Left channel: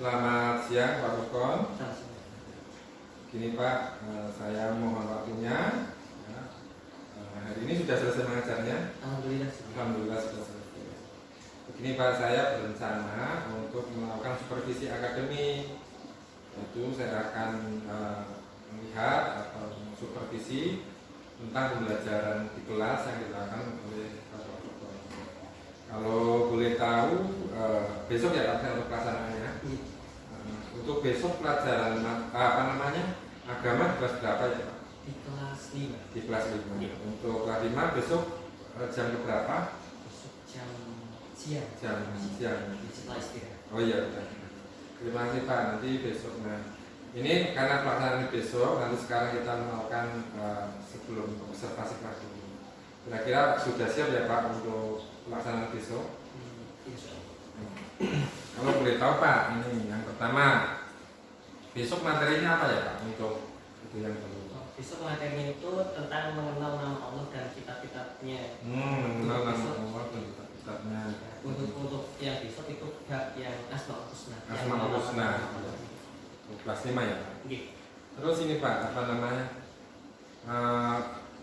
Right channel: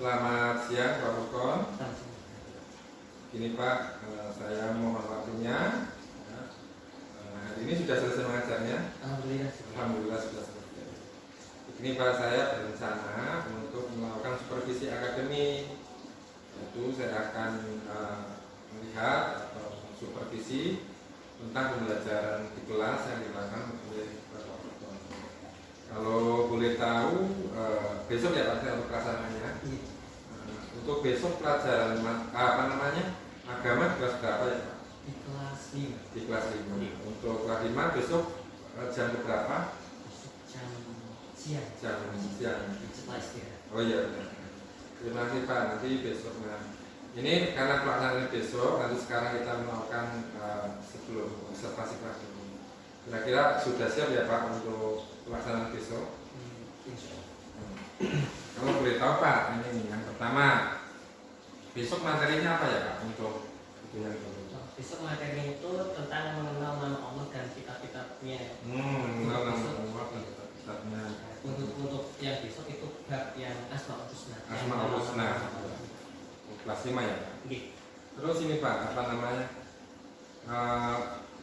Selamat siang Pak Rukon. Gini Pak, saya mohon waktunya. Hari ini sudah selesai mengajarnya? Alhamdulillah. Alhamdulillah sudah selesai. Begini Pak, saya berencana untuk melakukan supervisi akademik. Itu saya akan melihat atau supervisi tentang pembelajaran di kelas yang dilakukan oleh Bapak Rukon. Kalau boleh tahu, besok ya Pak untuk pelaksanaannya. Untuk besok pelajaran agama kelas berapa ya Pak? Di kelas 5. Di kelas 5. Untuk kelas 5 besok jam berapa? Besok jam siang. Jam siang. Setelah istirahat. Oh iya benar. Terima kasih Pak. Nanti besok ini karena pelaksanaan besok, nanti sekarang kita melakukan sebelum observasi kelas dulu. Kira-kira sudah siap ya Pak untuk pelaksanaan besok? Insya Allah. Kalau boleh tahu Pak, ini yang pertama, besok materinya apa ya Pak untuk itu yang perlu? Besok materi itu tentang mengenal nama Allah dan kitab-kitabnya. Mengenal nama Allah dan kitab-kitabnya. Untuk yang besok itu bab yang Asmaul Husna. Asmaul Husna. Kelas 5 ya Pak? Terus ini Pak, apa namanya?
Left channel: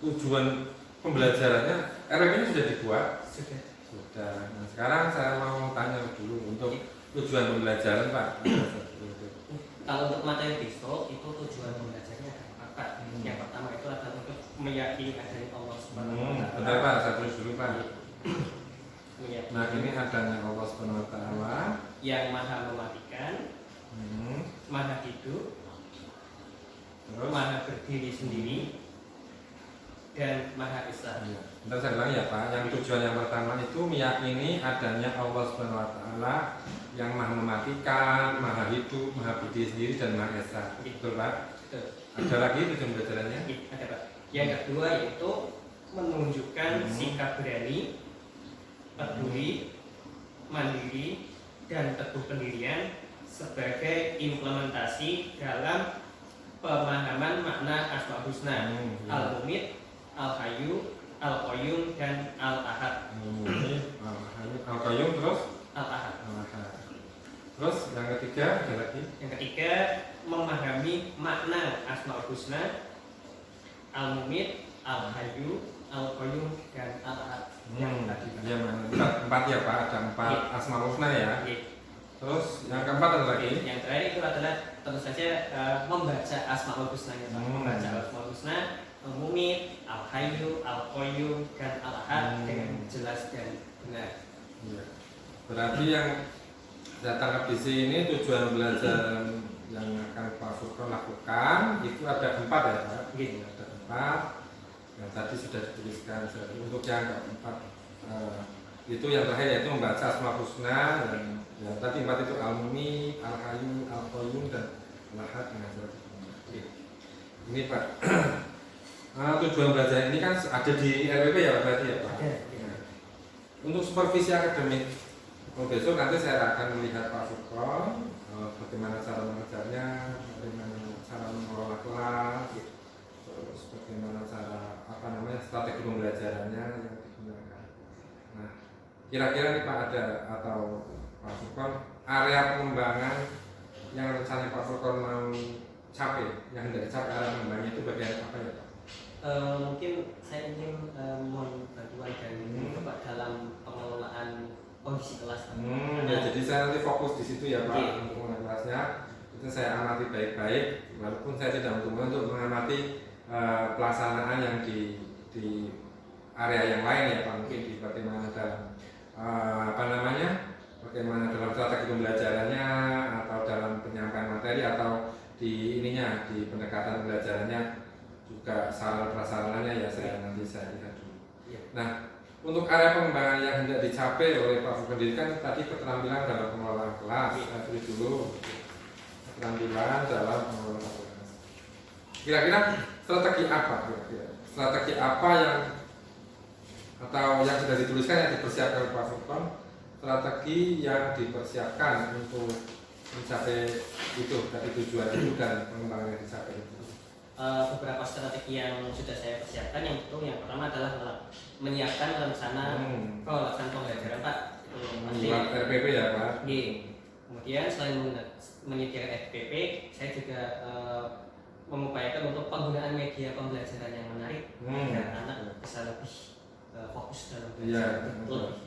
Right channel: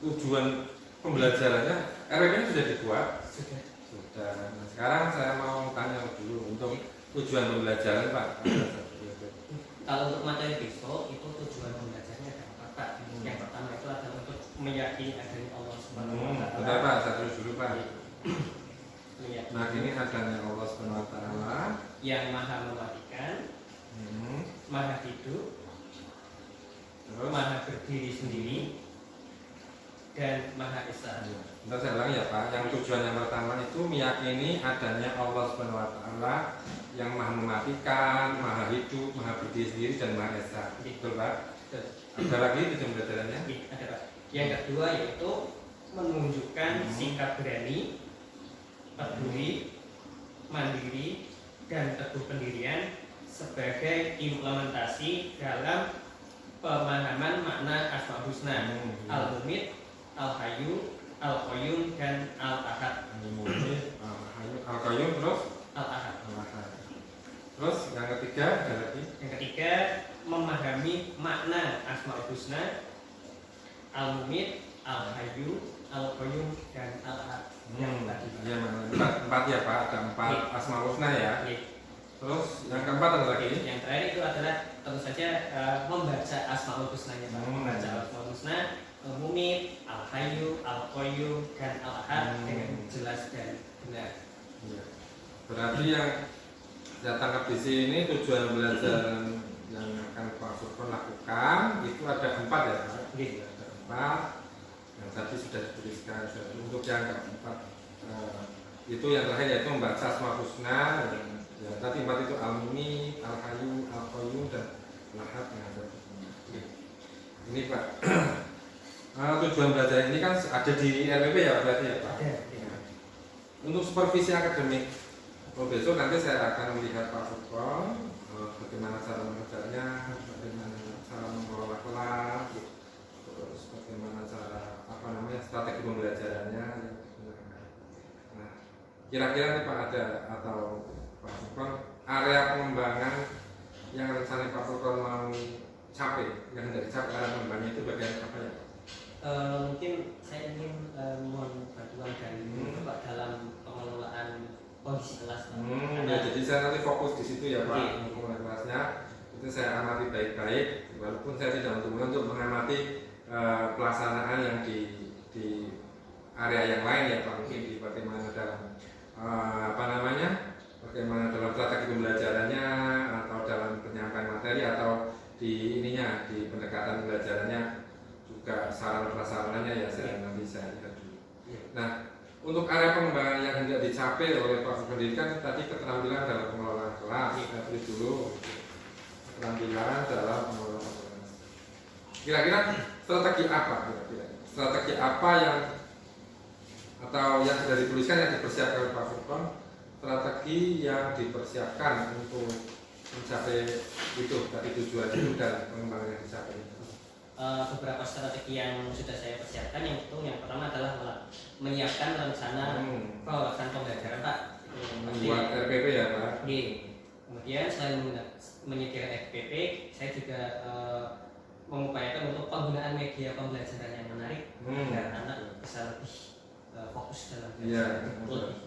Tujuan pembelajarannya, RWP-nya sudah dibuat? Sudah. Nah sekarang saya mau tanya dulu untuk tujuan pembelajaran Pak. Kalau untuk materi besok itu tujuan pembelajarannya ada Pak. Yang pertama itu adalah untuk meyakini adanya Allah Subhanahu wa taala. Bentar Pak, saya terus dulu Pak. Nah ini adanya Allah Subhanahu wa taala yang maha mematikan, maha hidup, terus maha berdiri sendiri, dan maha esa. Bentar saya ulang ya Pak. Yang tujuan yang pertama itu meyakini adanya Allah Subhanahu wa taala yang maha mematikan, maha hidup, maha berdiri sendiri dan maha esa. Betul Pak? Betul. Ada lagi tujuan pembelajarannya? Ada Pak. Yang kedua yaitu menunjukkan sikap berani, peduli, mandiri, dan teguh pendirian sebagai implementasi dalam pemahaman makna Asmaul Husna, Al-Mumit, Al-Hayyu, Al-Qayyum, dan Al-Ahad. Al-Qayyum terus? Al-Ahad. Terus yang ketiga ada lagi? Yang ketiga memahami makna Asmaul Husna, Al-Mumit, Al-Hayyu, Al-Qayyum, dan Al-Ahad. Yang tadi. Ya, empat ya Pak, ada 4 Asmaul Husna ya. Terus yang keempat ada lagi? Yang terakhir itu adalah tentu saja membaca Asmaul Husnanya Pak. Membaca Asmaul Husna, Al-Mumit, Al-Hayyu, Al-Qayyum, dan Al-Ahad dengan jelas dan benar. Ya. Berarti yang datang ke BC ini tujuan belajar yang akan Pak Furqon lakukan itu ada 4 ya Pak? Ada 4 yang tadi sudah dituliskan. Untuk yang keempat itu yang terakhir yaitu membaca Asmaul Husna dan ya, tadi 4 itu Al-Mumit, Al-Hayyu, Al-Qayyum, dan Al-Ahad dengan jelas. Ini Pak. Tujuan belajar ini kan ada di RWP ya berarti ya Pak? Untuk supervisi akademik, besok nanti saya akan melihat Pak Furqon bagaimana cara mengajarnya, bagaimana cara mengelola kelas, terus bagaimana cara strategi pembelajarannya yang digunakan. Nah, kira-kira nih Pak ada atau Pak Furqon area pengembangan yang rencana Pak Furqon mau capai, yang hendak dicapai area pengembangannya itu bagian apa ya Pak? Mungkin saya ingin mohon bantuan dan Bapak dalam pengelolaan kondisi kelas. Jadi saya nanti fokus di situ ya Pak untuk mengelola kelasnya. Itu saya amati baik-baik, walaupun saya tidak untuk mengamati pelaksanaan yang di area yang lain ya Pak. Mungkin di bagaimana dalam bagaimana dalam strategi pembelajarannya atau dalam penyampaian materi atau di pendekatan pembelajarannya juga sarana prasarananya ya nanti saya lihat dulu. Nah, untuk area pengembangan yang hendak dicapai oleh Pak Pendidikan tadi keterampilan dalam pengelolaan kelas. Saya tulis dulu keterampilan dalam pengelolaan kelas. Kira-kira strategi apa? Strategi apa yang sudah dituliskan yang dipersiapkan oleh Pak Furqon? Strategi yang dipersiapkan untuk mencapai itu tadi tujuan itu dan pengembangan yang dicapai itu. Beberapa strategi yang sudah saya persiapkan yang pertama adalah menyiapkan rencana pelaksanaan pembelajaran Pak. Membuat RPP ya Pak. kemudian selain menyediakan FPP, saya juga mengupayakan untuk penggunaan media pembelajaran yang menarik agar anak bisa lebih fokus dalam belajar, lebih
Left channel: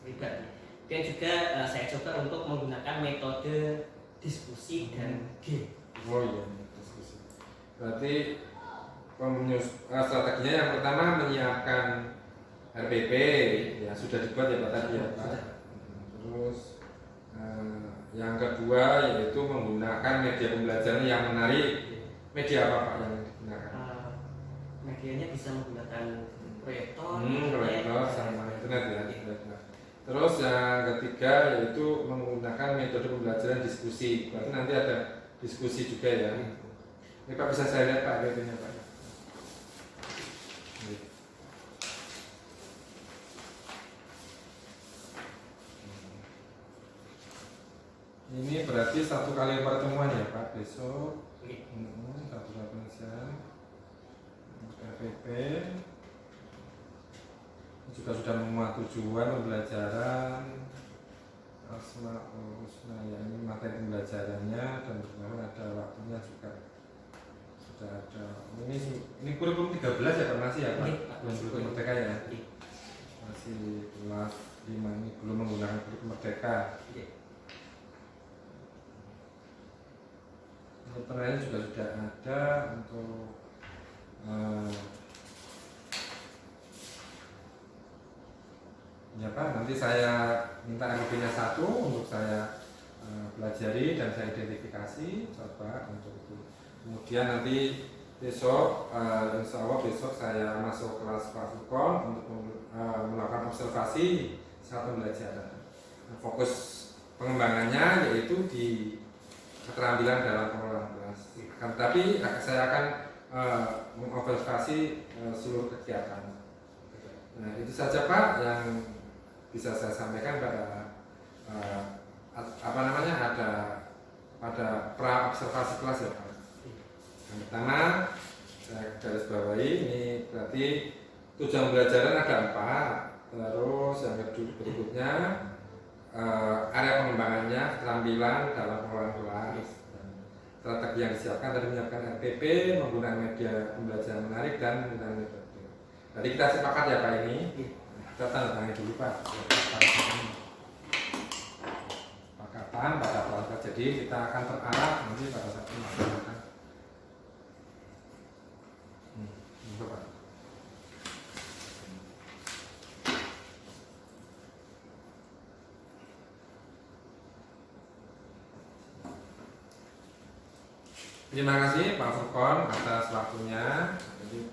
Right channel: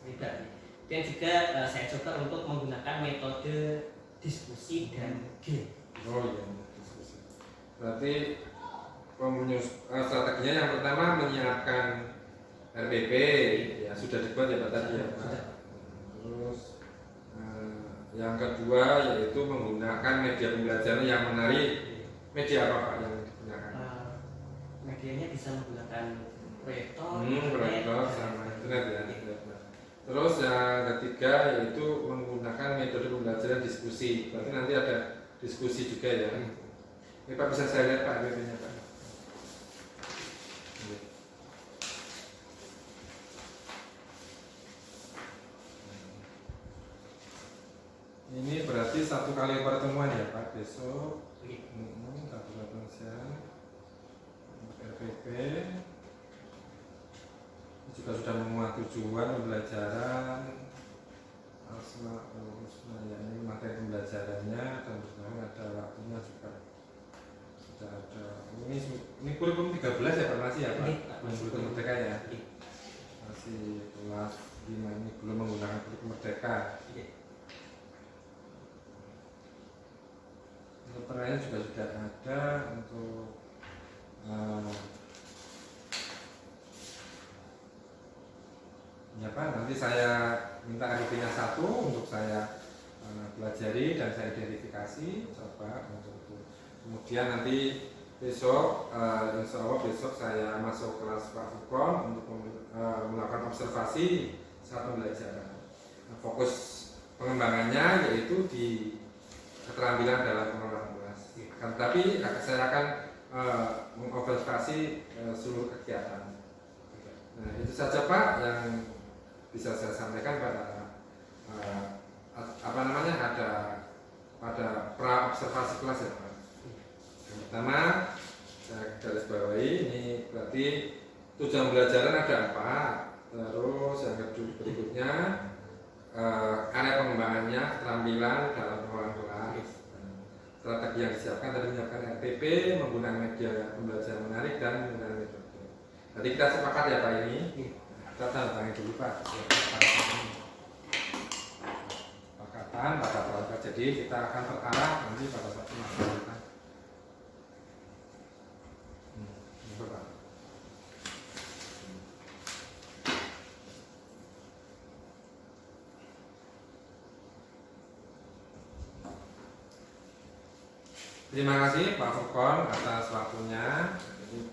terlibat. Dan juga saya coba untuk menggunakan metode diskusi dan game. Oh iya, diskusi. Berarti strateginya yang pertama menyiapkan RPP, ya sudah dibuat ya Pak tadi ya Pak. Terus yang kedua yaitu menggunakan media pembelajaran yang menarik. Media apa Pak yang digunakan? Medianya bisa menggunakan proyektor, proyektor sama internet ya. Terus yang ketiga yaitu menggunakan metode pembelajaran diskusi. Berarti nanti ada diskusi juga ya. Ini Pak bisa saya lihat Pak videonya Pak. Ini berarti 1 kali pertemuan ya Pak besok. Satu jam untuk RPP. Ini juga sudah memuat tujuan pembelajaran Asmaul Husna ya, ini materi pembelajarannya dan berkenalan ada waktunya juga sudah ada. Ini kurikulum 13 ya Pak masih ya Pak? Masih kurikulum Merdeka ya? Masih kelas 5 ini belum menggunakan kurikulum Merdeka. Untuk penilaian juga sudah ada untuk ya Pak, nanti saya minta RP-nya 1 untuk saya pelajari dan saya identifikasi coba untuk itu. Kemudian nanti besok insya Allah besok saya masuk kelas Pak Furqon untuk melakukan observasi saat pembelajaran. Fokus pengembangannya yaitu di keterampilan dalam pengelolaan kelas. Tapi saya akan mengobservasi seluruh kegiatan. Nah itu saja Pak yang bisa saya sampaikan pada ada pada pra observasi kelas ya Pak. Yang pertama saya garis bawahi ini berarti tujuan pembelajaran ada 4. Terus yang kedua berikutnya area pengembangannya keterampilan dalam pengelolaan kelas. Strategi yang disiapkan dari menyiapkan RPP, menggunakan media pembelajaran menarik dan menggunakan metode. Jadi kita sepakat ya Pak ini. Kita tanda tangan dulu Pak. Sepakatan pada proses. Jadi kita akan terarah nanti pada satu melaksanakan. Pak. Terima kasih Pak Furqon atas waktunya. Jadi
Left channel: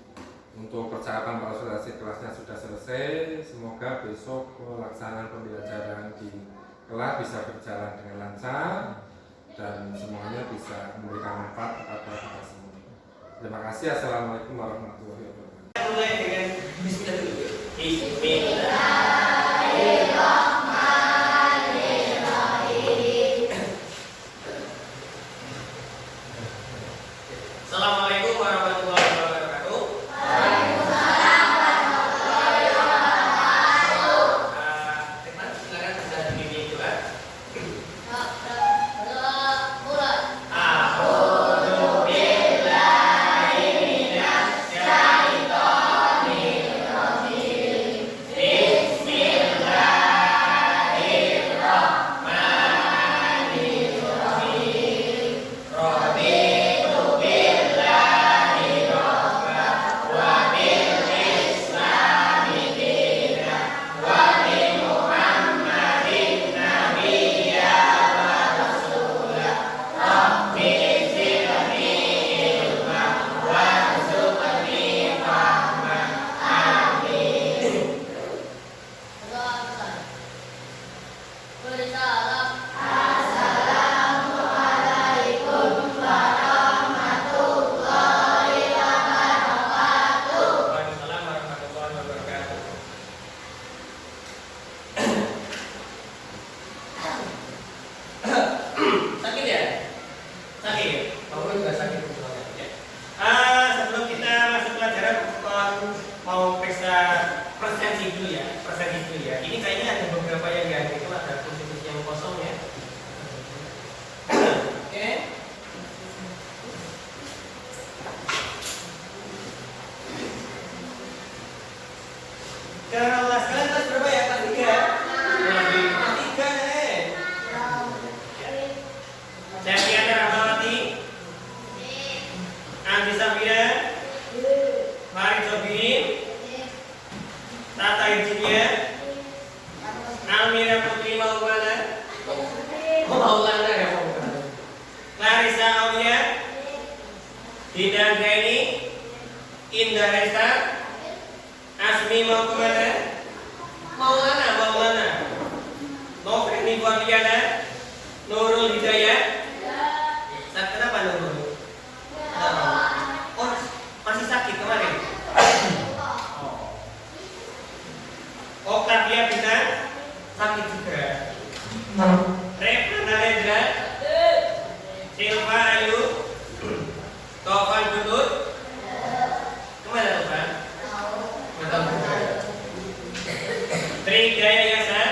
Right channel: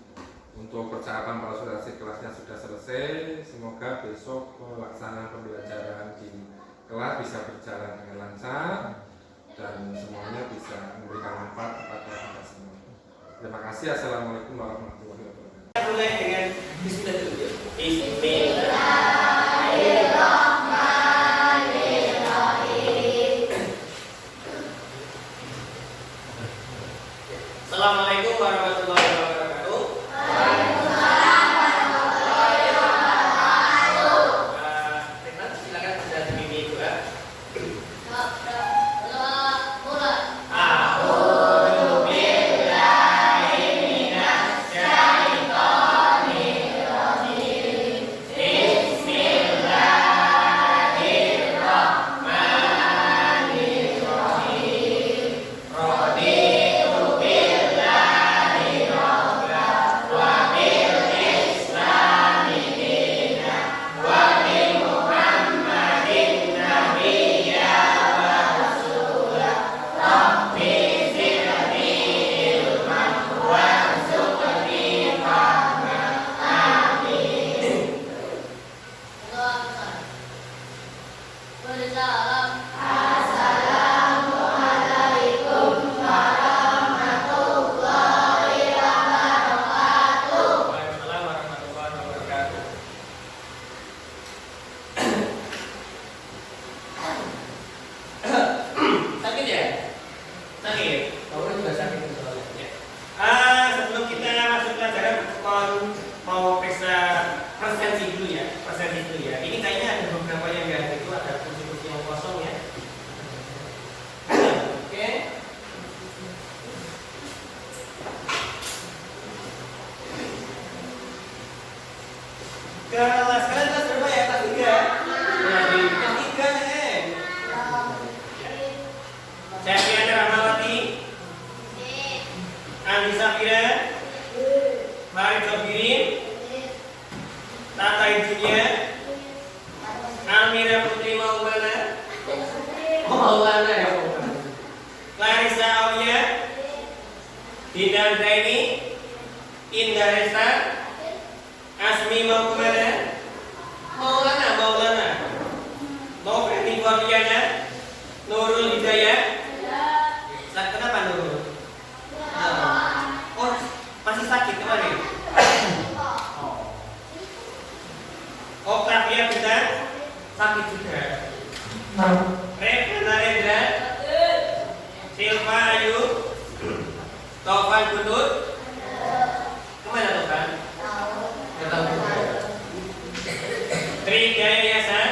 untuk percakapan konsultasi kelasnya sudah selesai. Semoga besok pelaksanaan pembelajaran di kelas bisa berjalan dengan lancar dan semuanya bisa memberikan manfaat kepada kita semua. Terima kasih. Assalamualaikum warahmatullahi wabarakatuh. Mulai dengan Bismillah. Assalamualaikum warahmatullahi wabarakatuh. Waalaikumsalam warahmatullahi wabarakatuh. Silakan sudah berdiri juga. Bismillahirrahmanirrahim. Septiana Rahmawati, Andi Safira, Mari Jobirin, Tata Izinnya, Almira Putri Maulana, ya Clarissa Aulia, Didan Zaini, Indah Resta, Asmi mau kemana? Maulana. Mau Feni Forliana, Nurul Hidayah. Kenapa Nurul? Oh, masih sakit kemarin. Octavia bisa sakit juga. Reva Narendra, Silva Ayu, Taufan Guntur. Kemana tuh kan? Nggak tahu juga. Tri Gayasa,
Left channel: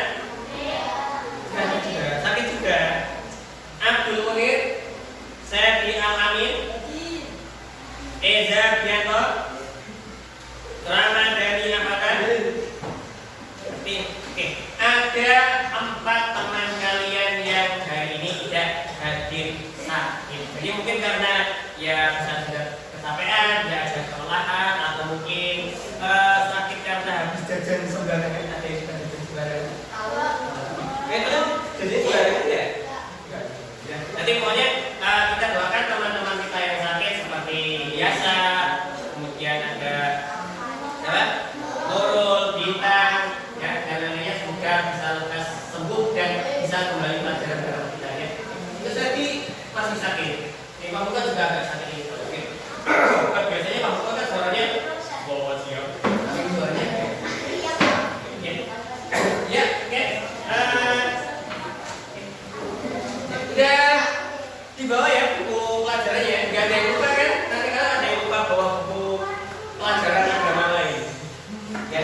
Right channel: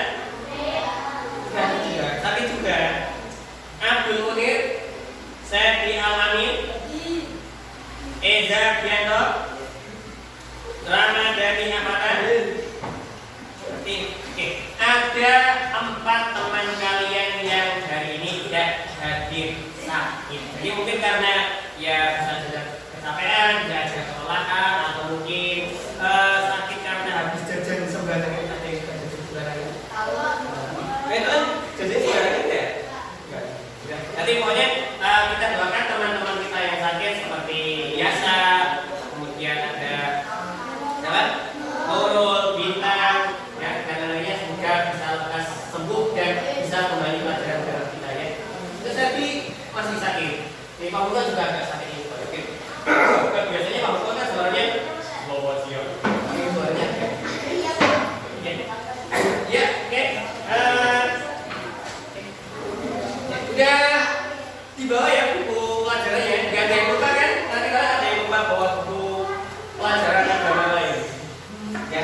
sakit juga. Abdul Munir, Septi Al-Amin, Eza Bianto, Ramadhani Apatan. Oke, ada 4 teman kalian yang hari ini tidak hadir sakit. Jadi mungkin karena ya sudah kecapean, tidak ada kelelahan, atau mungkin sakit karena habis jajan sembarangan. Ada yang jajan sembarangan. Itu kan jajan sembarangan ya? Enggak. Jadi pokoknya kita doakan teman-teman kita yang sakit seperti Yasa, kemudian ada Nurul, Bintang, ya, dan lainnya semoga bisa lekas sembuh dan bisa kembali pelajaran dalam kita ya. Itu tadi masih sakit. Di Pamuka juga agak sakit itu. Oke. Biasanya Pamuka kan suaranya bawa siap. Tapi suaranya ya, oke. Udah dibawa ya buku pelajarannya. Gak ada yang lupa kan? Nanti kalau ada yang lupa bawa buku pelajaran agama lain. Ya.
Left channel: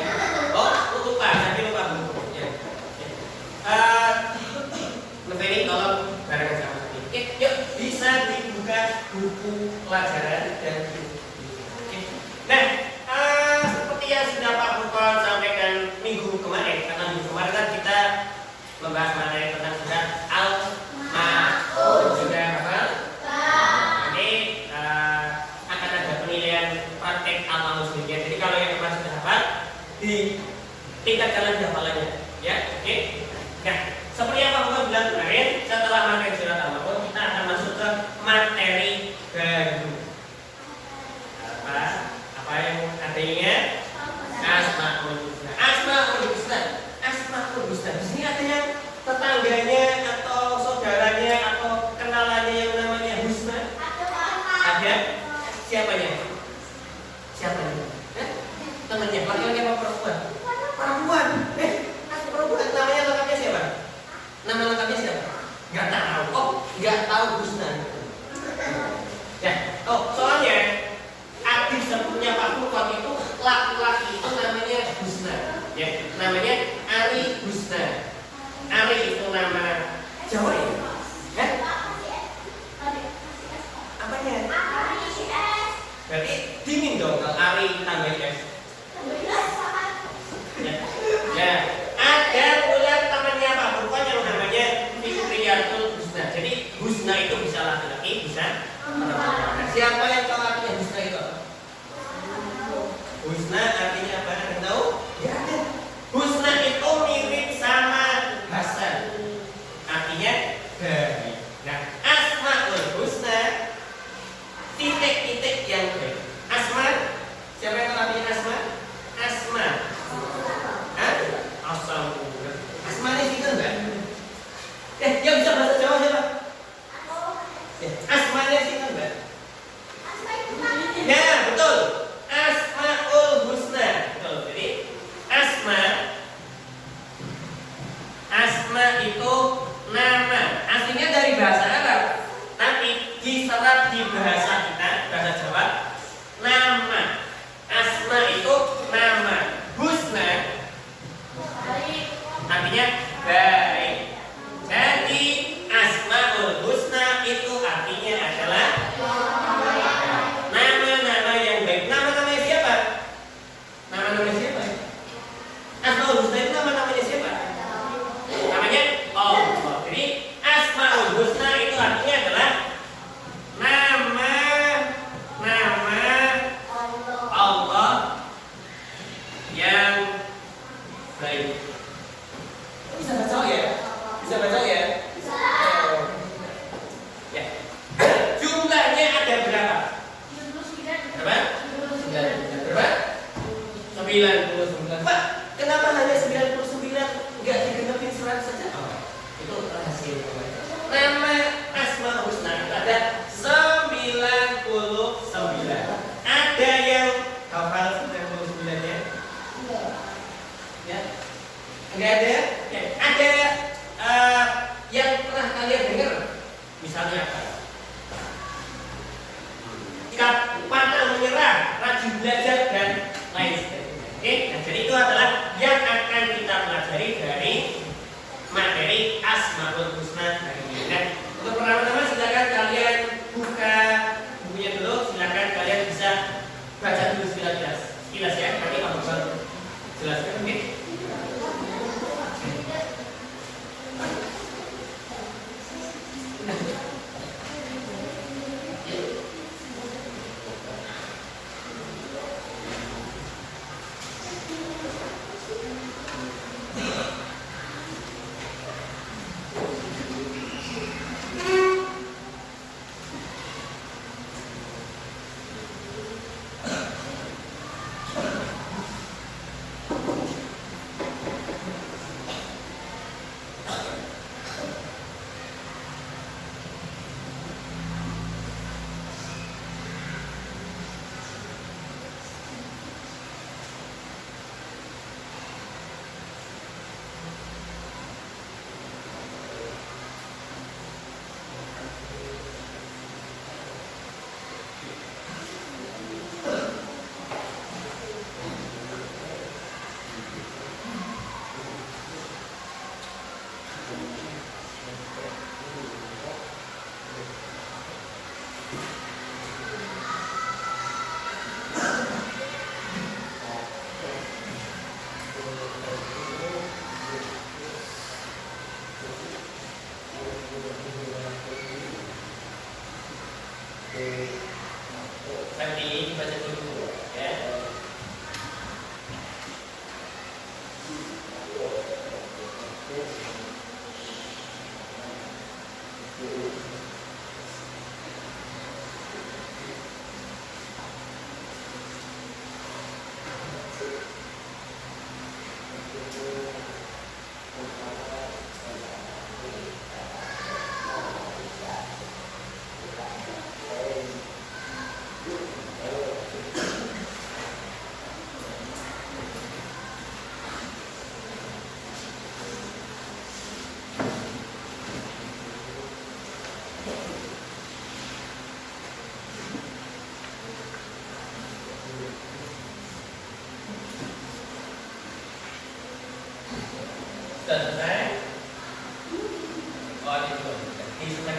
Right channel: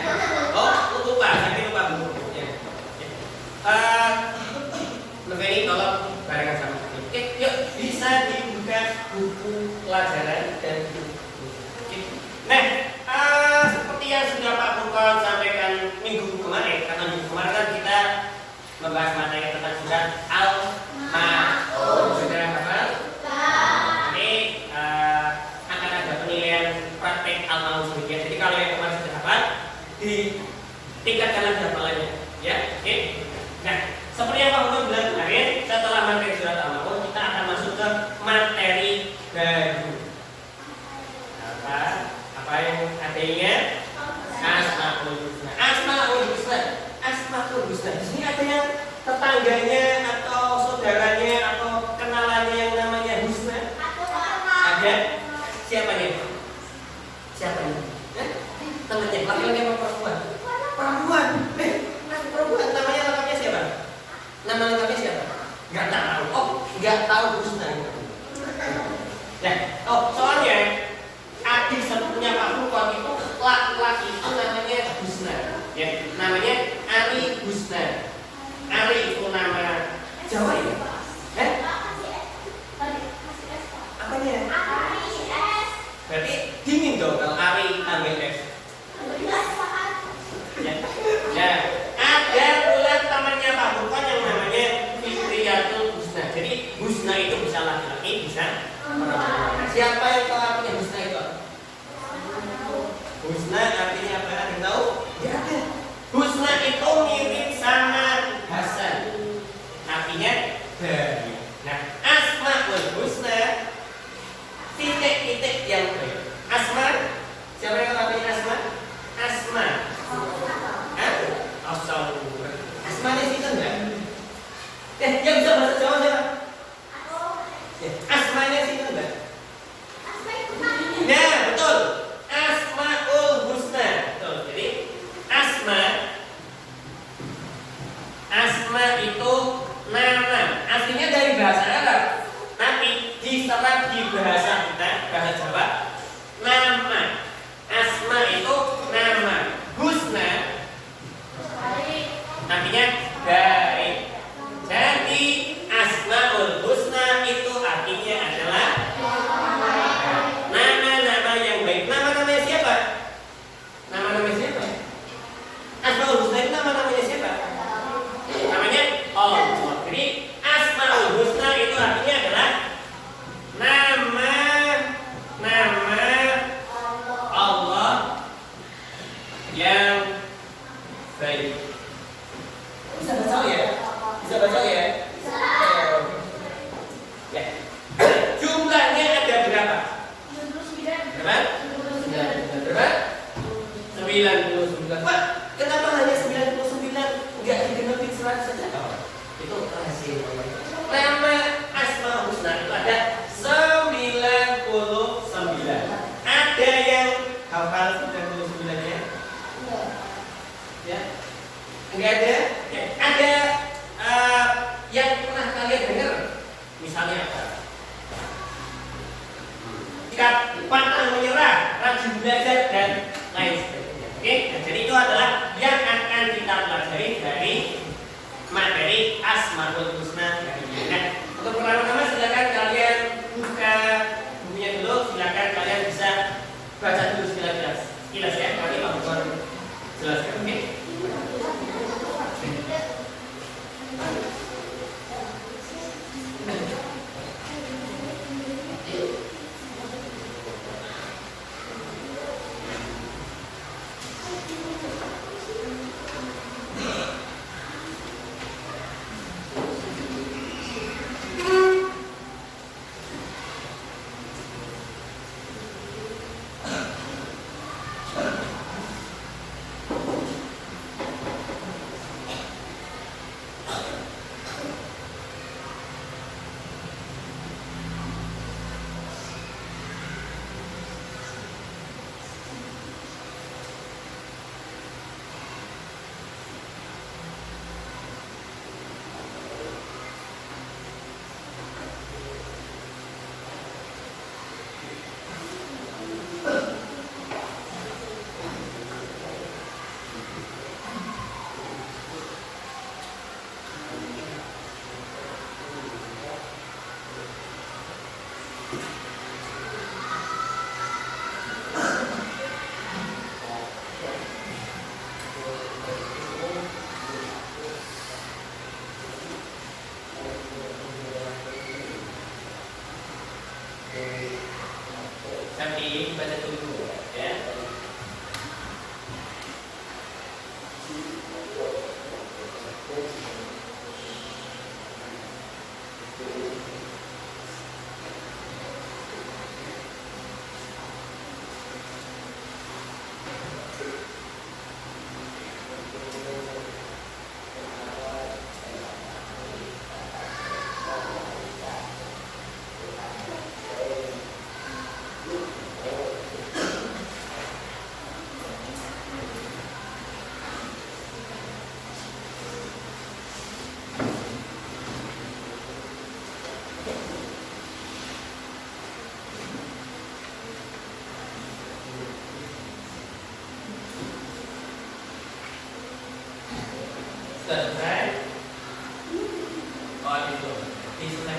Oh, lupa. Nanti lupa buku. Ya. Lebih tolong barengan sama saya. Oke, yuk bisa dibuka buku pelajaran dan oke. Nah, seperti yang sudah Pak Furqon sampaikan minggu kemarin, karena minggu kemarin kan kita membahas materi tentang surat Al-Ma'un. Sudah hafal? Jadi akan ada penilaian praktek Al-Ma'un sendiri. Jadi kalau yang kemarin sudah hafal, ditingkatkan lagi hafalannya. Ya, oke. Nah, seperti yang Pak Furqon bilang kemarin, setelah materi surat Al-Ma'un, kita akan masuk ke materi baru. Apa yang artinya? Asmaul Husna. Asmaul Husna. Di sini ada yang tetangganya atau saudaranya atau kenalannya yang namanya Husna? Ada. Siapanya? Temannya. Laki-laki atau perempuan? Perempuan. Perempuan. Namanya lengkapnya siapa? Nama lengkapnya siapa? Nggak tahu. Oh, nggak tahu Husna. Ya. Oh, soalnya adik sepupunya Pak Furqon itu laki-laki itu namanya Husna. Ya, namanya Ari Husna. Ari itu nama Jawa ya? Apanya? Berarti dingin dong kalau Ari tambahin S. Ya. Ada pula temannya Pak Furqon yang namanya Fitriyatul Husna. Jadi Husna itu bisa laki-laki, bisa perempuan. Siapa yang tahu artinya Husna itu? Husna artinya apa? Ada yang tahu? Ya ada. Husna itu mirip sama Hasan. Artinya dari. Nah, Asmaul Husna titik-titik yang baik. Asma, siapa yang tahu artinya Asma? Asma. Asal. Asma ini itu enggak? Yang bisa bahasa Jawa siapa? Asma ini itu enggak? Nah, betul. Asmaul Husna. Betul. Jadi Asma itu nama. Aslinya dari bahasa Arab, tapi diserap di bahasa kita, bahasa Jawa, nama. Asma itu nama. Husna artinya baik. Jadi Asmaul Husna itu artinya adalah nama-nama 99. Pak, kenapa hanya 99? Enggak digenepin 100 saja? Oh, itu rahasia. Nama Asmaul Husna itu ada 99. Ada yang hafal 99-nya? Ya. Enggak ada? Ya. Ada yang pernah kalian dengar? Misalnya apa? Sikap pantang menyerah, rajin belajar dan lain sebagainya. Oke, nah, jadi itu adalah yang akan kita pelajari dari materi Asmaul Husna hari ini. Nah, untuk pertama-tama silakan kalian buka bukunya dulu, silakan kalian bisa baca dulu sekilas ya. Nanti Pak Bukman jelaskan, oke? Sampai baca dulu ya. Sudah selesai? Oh, itu. Ini sudah.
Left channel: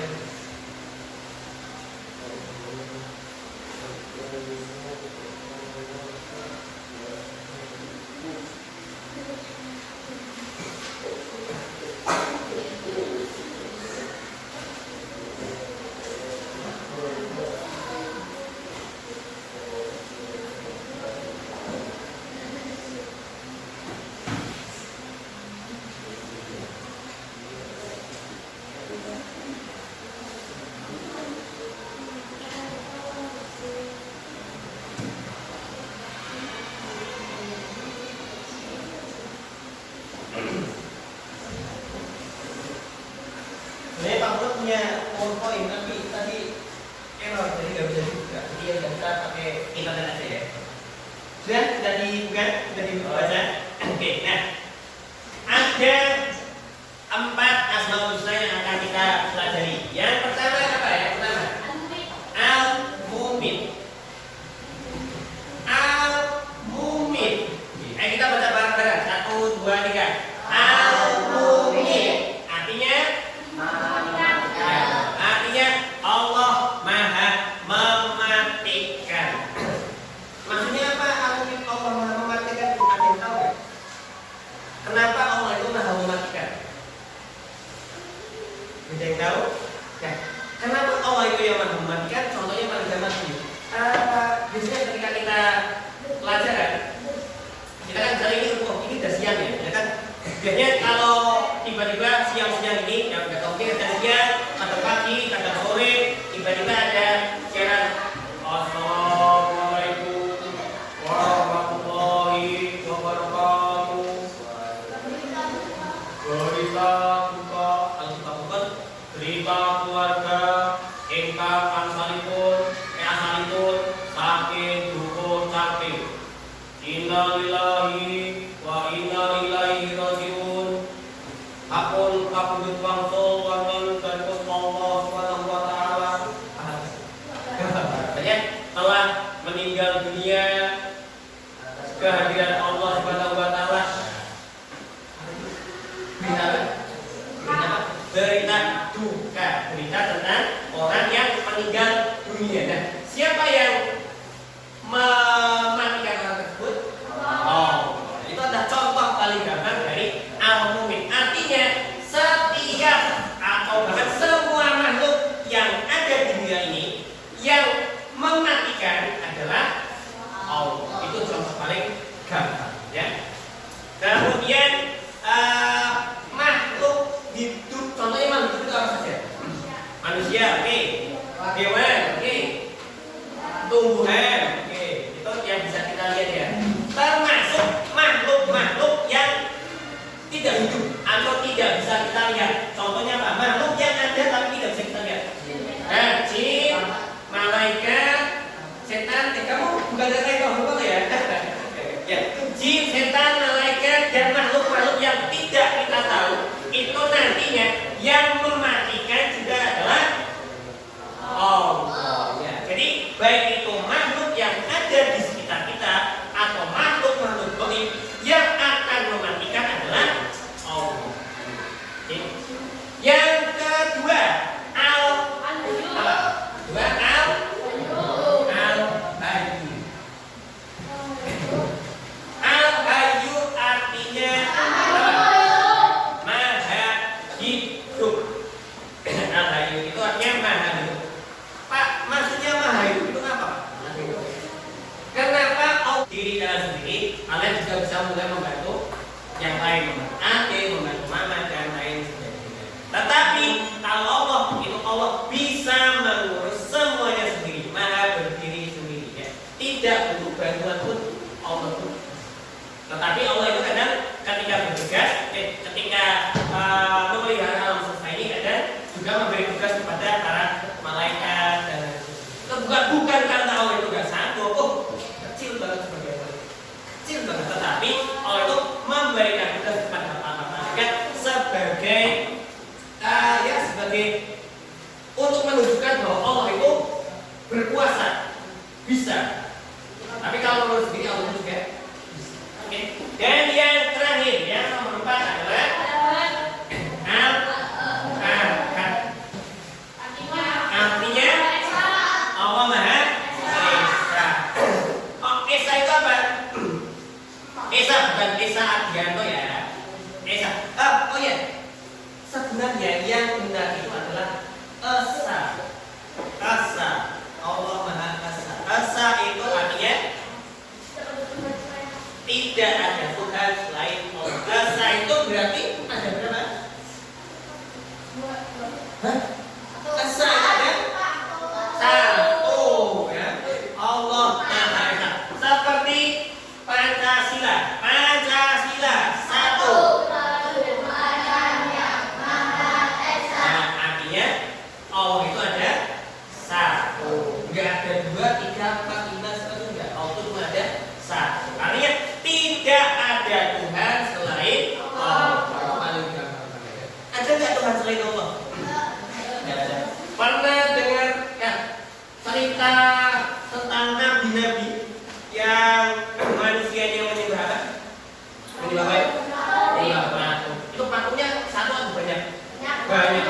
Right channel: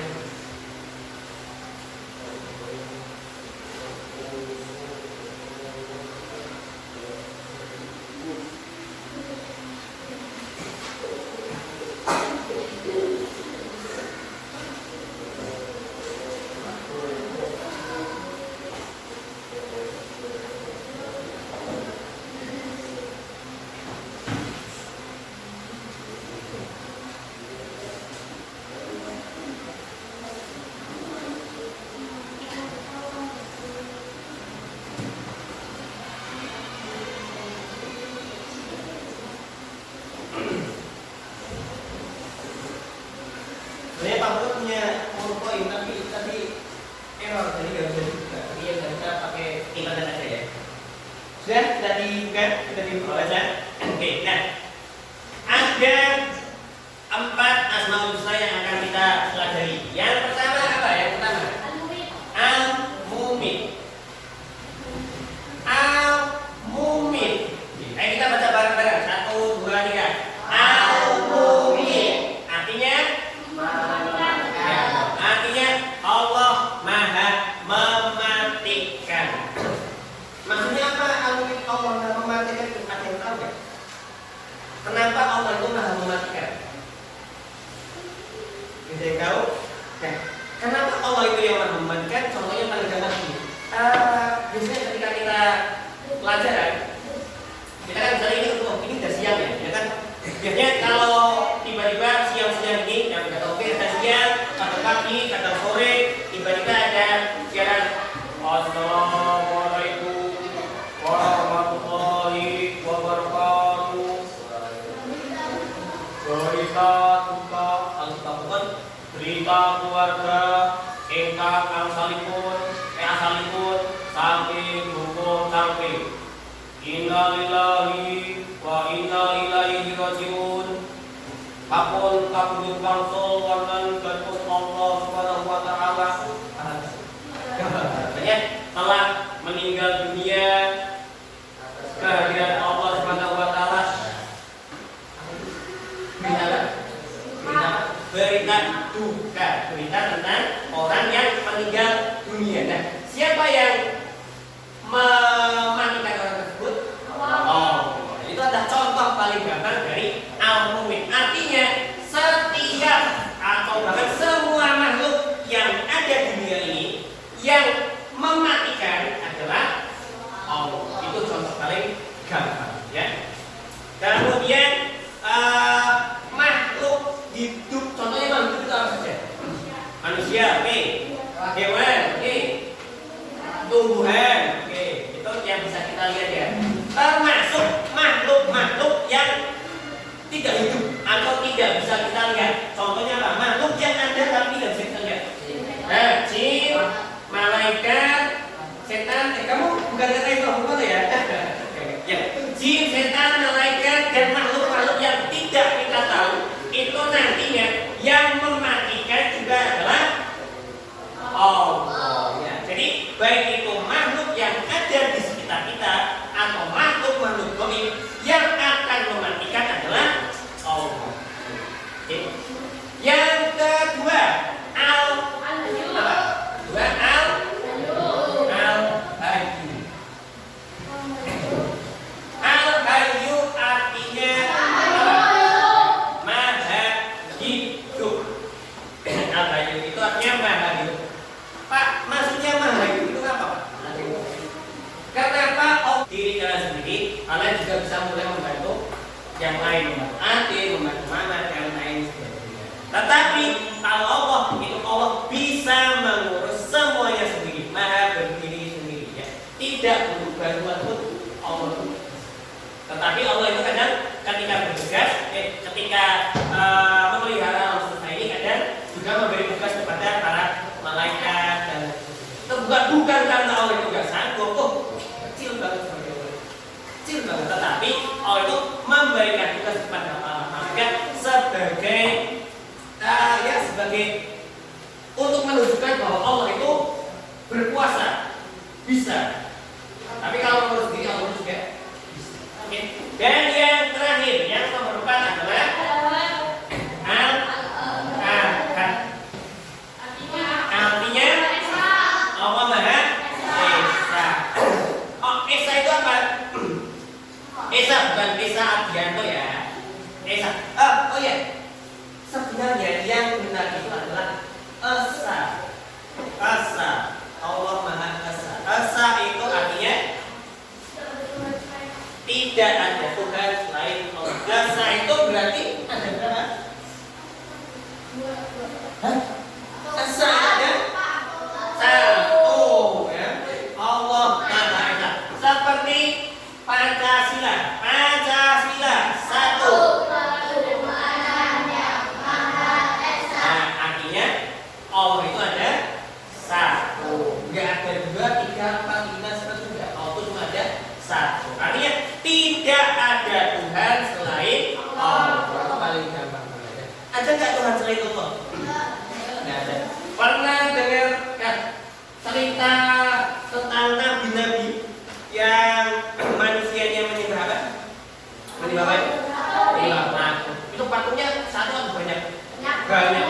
Sebenarnya Pak Bro punya PowerPoint tapi error, jadi nggak bisa dibuka. Jadi ya kita pakai internet aja ya. Sudah dibuka, sudah dibaca. Oke, nah ada 4 Asmaul Husna yang akan kita pelajari. Yang pertama apa ya? Pertama Al-Mumit. Al-Mumit. Ayo kita baca bareng-bareng. 1, 2, 3. Al-Mumit. Artinya Allah Maha mematikan. Maksudnya apa? Allah Maha mematikan itu ada yang tahu ya? Kenapa Allah itu Maha mematikan? Ada yang tahu? Nah, kenapa Allah itu yang Maha mematikan? Contohnya pada zaman ini. Biasanya ketika kita pelajaran, kita kan misalnya ini udah siang ya kan? Biasanya kalau tiba-tiba siang-siang ini yang udah oke, kadang siang, kadang pagi, kadang sore, tiba-tiba ada siaran Assalamualaikum warahmatullahi ingkang asalipun saking hukum saking inna lillahi wa inna ilaihi rajiun. Hakun kabudut wangsul wonten kantos Allah Subhanahu wa taala telah meninggal dunia kehadiran Allah Subhanahu wa taala. Berita duka, berita tentang orang yang meninggal dunia. Nah, siapa yang mematikan orang tersebut? Oh, itu adalah contoh paling gampang dari al-mumin. Artinya setiap atau bahkan semua makhluk yang ada di dunia ini yang mematikan adalah Allah. Itu contoh paling gampang, ya. Kemudian makhluk hidup, contohnya makhluk hidup itu apa saja? Manusia, oke. Hewan, oke. Tumbuhan, oke. Itu yang bisa kita lihat ya. Termasuk makhluk-makhluk yang tidak hidup atau tidak bisa kita lihat. Contohnya apa? Makhluk yang ada tapi tidak bisa kita lihat. Jin, malaikat, setan. Kamu bukan kata itu apa ya? Ya, jin, setan, malaikat dan makhluk-makhluk yang tidak kita tahu itu nantinya yang mematikan juga adalah Allah. Ya. Jadi baik itu makhluk yang ada di sekitar kita atau makhluk-makhluk gaib yang akan mematikan adalah Allah. Oke. Yang kedua, Al-Hayyu artinya maha hidup. Al-Hayyu itu artinya maha hidup. Pak, maksudnya maha hidup itu apa, Pak? Kenapa diri kalian sendiri, kalian juga bisa mulai membantu yang lain, membantu adik, membantu mama dan lain sebagainya. Tetapi kalau Allah itu Allah bisa mengurus semuanya sendiri, maha berdiri sendiri, ya. Tidak butuh bantuan pun Allah pun. Tetapi Allah itu kadang ketika bertugas, ketika memelihara alam semesta ini kadang juga memberi tugas kepada para malaikat dan itu bukan karena Allah itu gak sanggup, kecil banget sebagai Allah, kecil banget. Tetapi Allah itu memberikan tugas kepada para malaikat sebagai sebagai untuk menunjukkan bahwa Allah itu berkuasa, bisa. Tapi kalau menurut sendiri Allah juga bisa. Oke. Dan yang terakhir, yang nomor 4 adalah artinya Allah Maha Esa. Oh, Esa itu apa? Esa bukan Esa Adianto ya. Esa. Oh ya. Sebenarnya yang benar itu adalah Esa. Allah Maha Esa. Esa itu artinya tidak ada Tuhan selain Allah. Esa itu berarti ada berapa? Esa ada satu, ya. Allah Maha Esa. Seperti Pancasila satu. Allah itu ada satu, nggak ada 2, 3, 4, 5, 1, enggak. Allah itu cuma ada satu. Artinya tidak ada Tuhan selain Allah. Itu paling gampang. Ada nggak Tuhan selain Allah? Nggak ada. Pernah dengar cerita tentang nabi-nabi yang manusianya menyembah apa? Menyembah apa? Menyembah patung. Itu patungnya satu atau banyak? Banyak.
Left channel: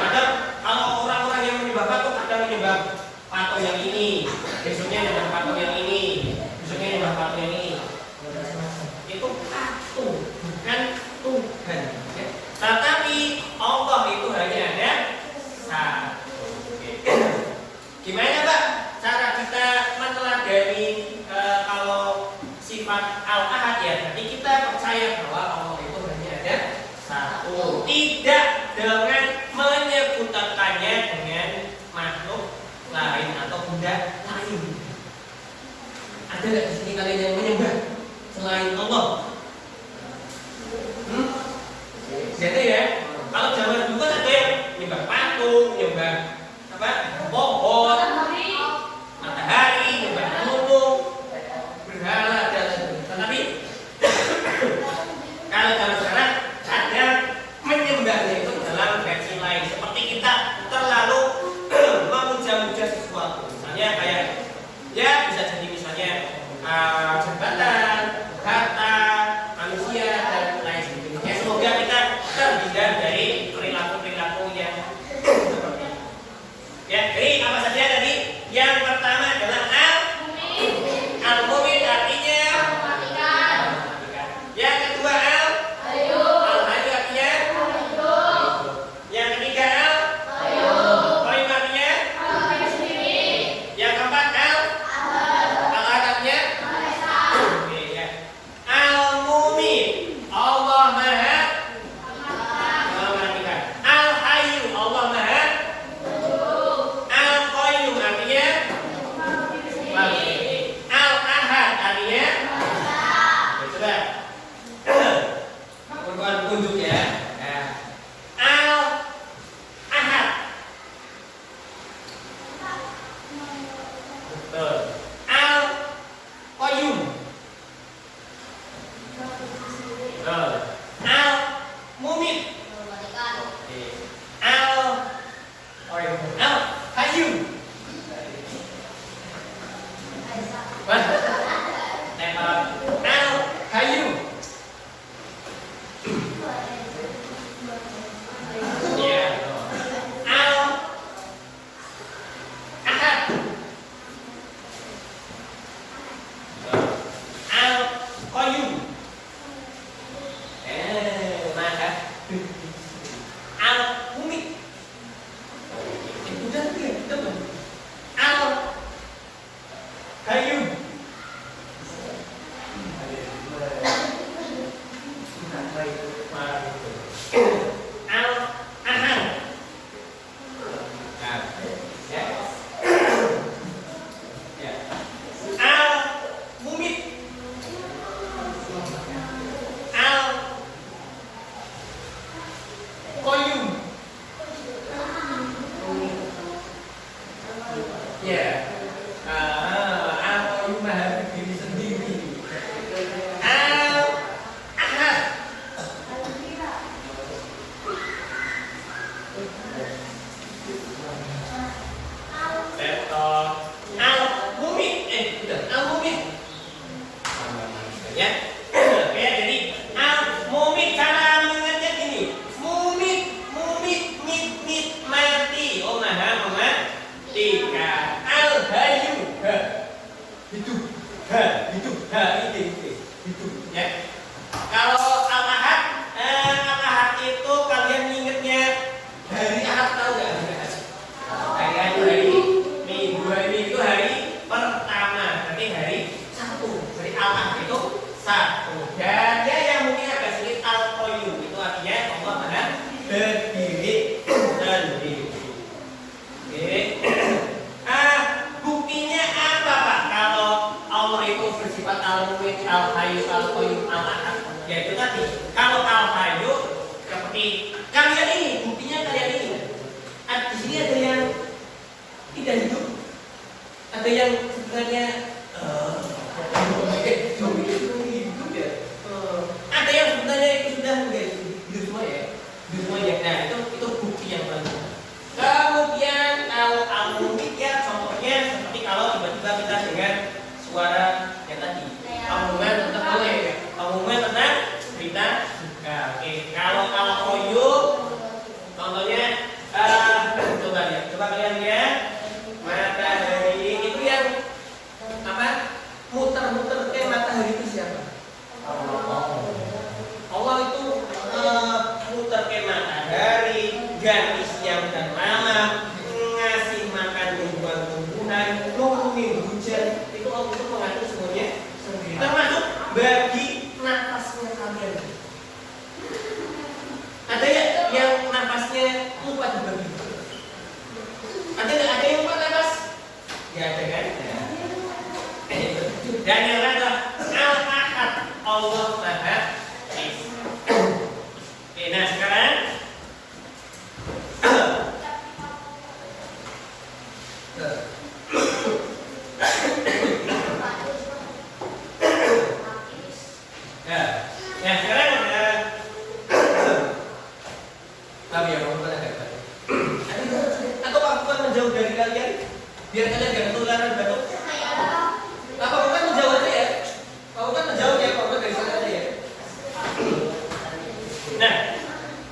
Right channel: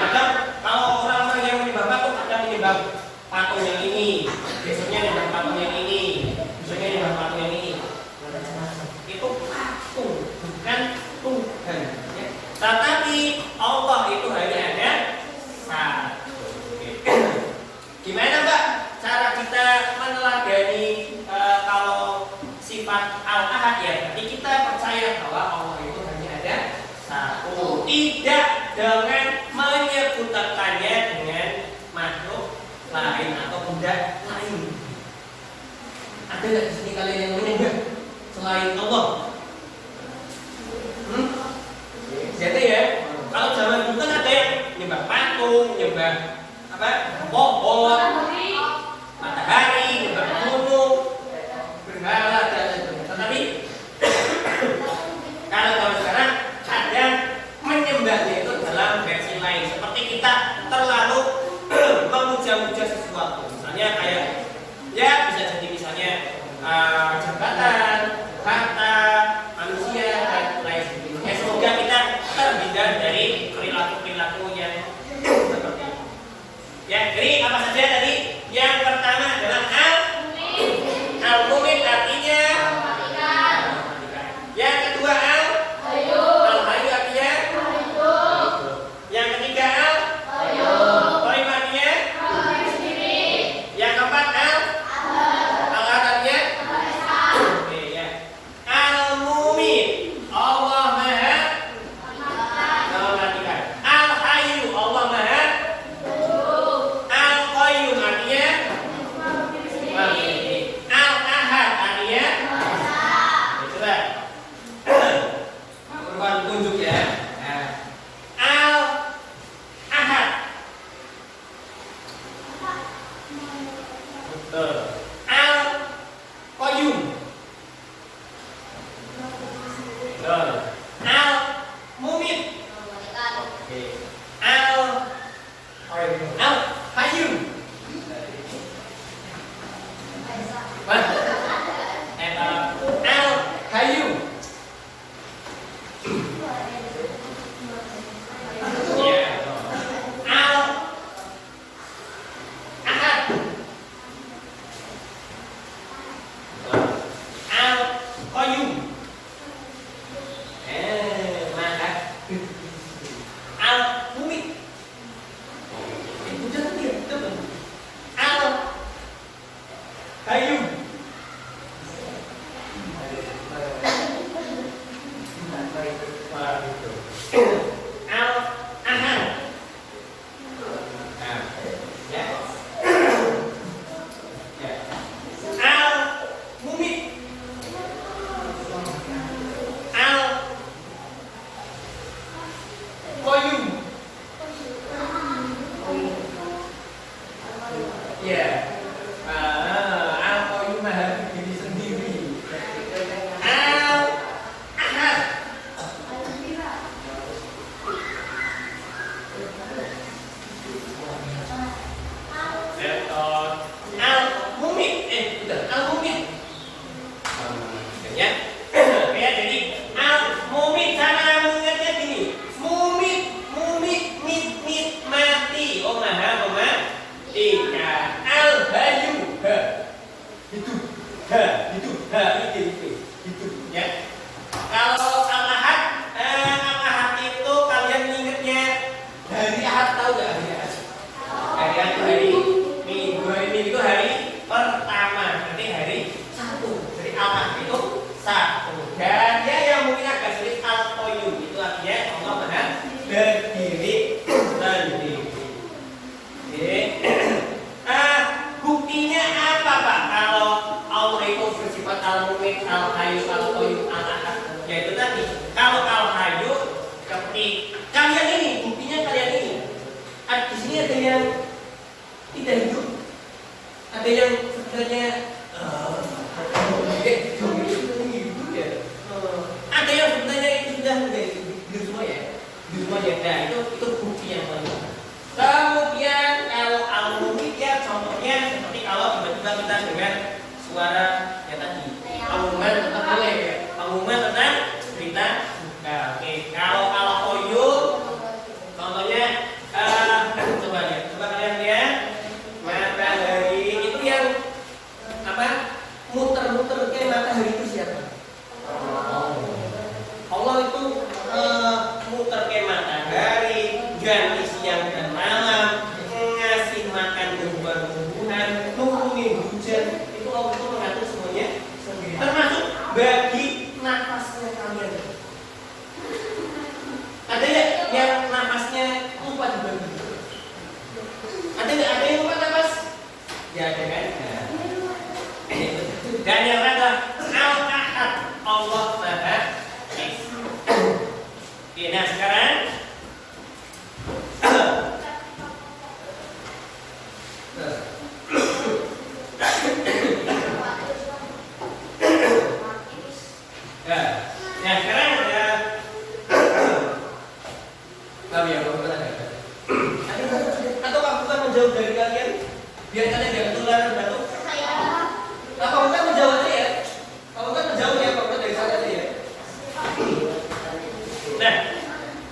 Kalau orang-orang yang menyembah patung ada menyembah patung yang ini, besoknya menyembah patung yang ini, besoknya menyembah patung yang ini. Itu patung, bukan Tuhan. Ya. Tetapi Allah itu hanya ada satu. Gimana, Mbak? Cara kita meneladani kalau sifat al-ahad ya, berarti kita percaya bahwa Allah itu hanya ada satu, tidak dengan menyebutkannya dengan makhluk lain atau benda lain. Ada nggak di sini kalian yang menyembah selain Allah? Jadi ya, kalau zaman dulu kan ada yang menyembah patung, menyembah apa? Pohon, matahari, gunung, berhala dan lain-lain. Tetapi kalau dalam sekarang ada menyembahnya itu dalam versi lain. Seperti kita terlalu memuja-muja sesuatu. Misalnya kayak ya bisa jadi misalnya jabatan, harta, manusia dan lain sebagainya. Semoga kita terhindar dari perilaku-perilaku yang seperti itu. Ya, jadi apa saja tadi? Yang pertama adalah al-mumin artinya mematikan. Yang kedua al-hayu artinya yang ketiga al-qayyum artinya yang keempat al-ahad artinya oke ya. Al-mumin Allah Maha mematikan. Al-hayu Allah Maha al-qayyum artinya al-ahad artinya coba kawan tunjuk ya. Al-ahad betul. Al-qayyum betul. Al-mumit al-hayyum al-hayyum ya. Al-ahad al-qayyum maka al-mumit udah dia coba al-hayyum al-ahad al-mumit al-qayyum ya. Al-qayyum maha berdiri sendiri. Al-ahad al-mumit betul al-mumit ya. Ya jadi al-mumit cara mengajar gini mumit mit mati oh maha mematikan. Al-hayu hidup hidup ya. Kalau al-ahad itu kalian ingetnya hari ahad tahu nggak hari ahad? Hari ahad itu hari minggu itu hari pertama berarti hari satu. Jadi al-ahad itu satu. Dan dia yang mungkin agak sulit al-qayyum itu artinya Allah Maha berdiri sendiri. Oke. Buktinya apa Pak kalau Allah itu bersifat al-mumin, al-hayu, al-qayyum, al-ahad? Yaitu tadi kalau al-hayu seperti kalian ini, buktinya kalian ini. Di sini ada yang tidak hidup, ada yang sebenarnya hidup ya. Ada yang sebenarnya itu sudah hidup semua ya, Nah itu bukti yang paling. Kemudian kalau al-mumit ya contohnya seperti kalau tiba-tiba kita dengan suara yang tadi al-mumin tetap boleh ya. Al-mumin tetap berita duka. Oke. Kalau al-qayyum contohnya coba kalian lihat matahari itu yang apa? Muter-muter ke matahari itu siapa? Allah itu muter ke matahari, ganti siang dan malam, ngasih makan tumbuhan-tumbuhan, nurunin hujan, itu Allah itu mengatur semuanya sendiri. Termasuk bagi nafasnya kalian. kalian? Biar kalian jangan ketularan batu. Nah, kamu kan menjauh aja ya. Kamu kan menjauh ya, kamu dari sana aja ya. Nah,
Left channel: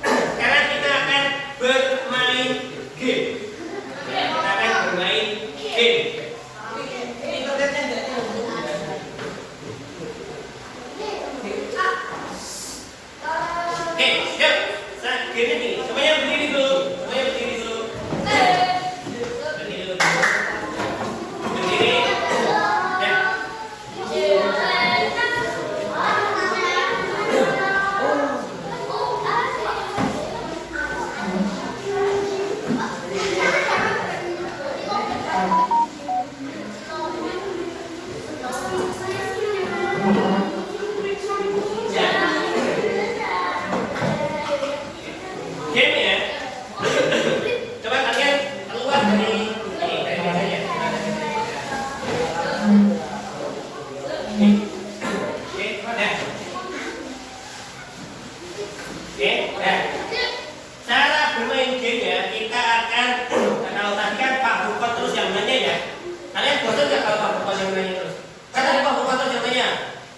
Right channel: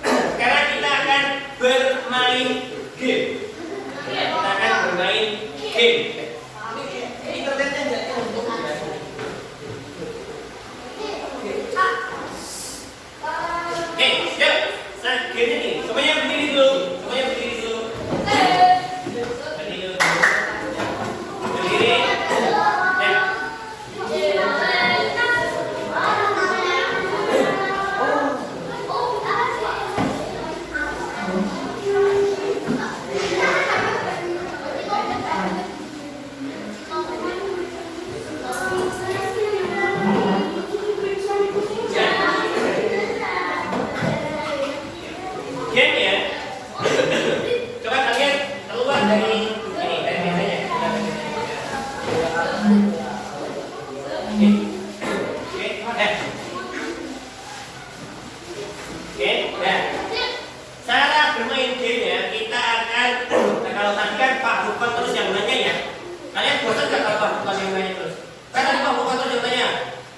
sekarang kita akan bermain game. Kita akan bermain game. Internetnya jangan untuk Oke, siap. Game ini, semuanya berdiri dulu. Semuanya berdiri dulu. Berdiri dulu. Berdiri. Ya. Game ya. Coba kalian keluar dari ini, dari biasanya. Oke, nah. Cara bermain game ya, kita akan kalau tadi kan Pak Bukon terus yang nanya ya. Kalian bosan nggak kalau Pak Bukon yang nanya terus? Kan tadi Pak Bukon terus yang nanya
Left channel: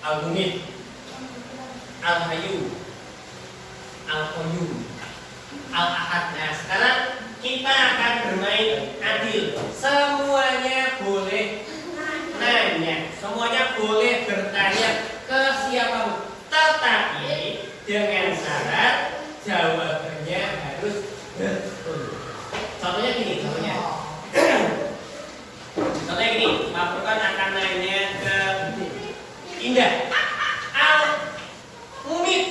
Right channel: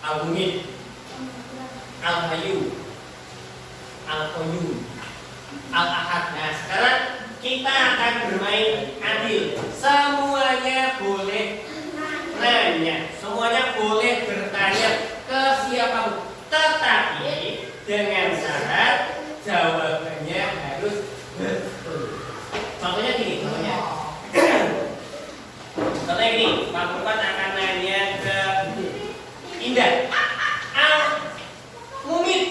Al-Bumit, Al-Hayu, Al-Qayyum, Al-Ahad. Nah, sekarang kita akan bermain adil. Semuanya boleh nanya, semuanya boleh bertanya ke siapapun. Tetapi dengan syarat jawabannya harus betul. Contohnya gini, contohnya gini, Pak Bukon akan nanya ke Indah. Al-Mumit.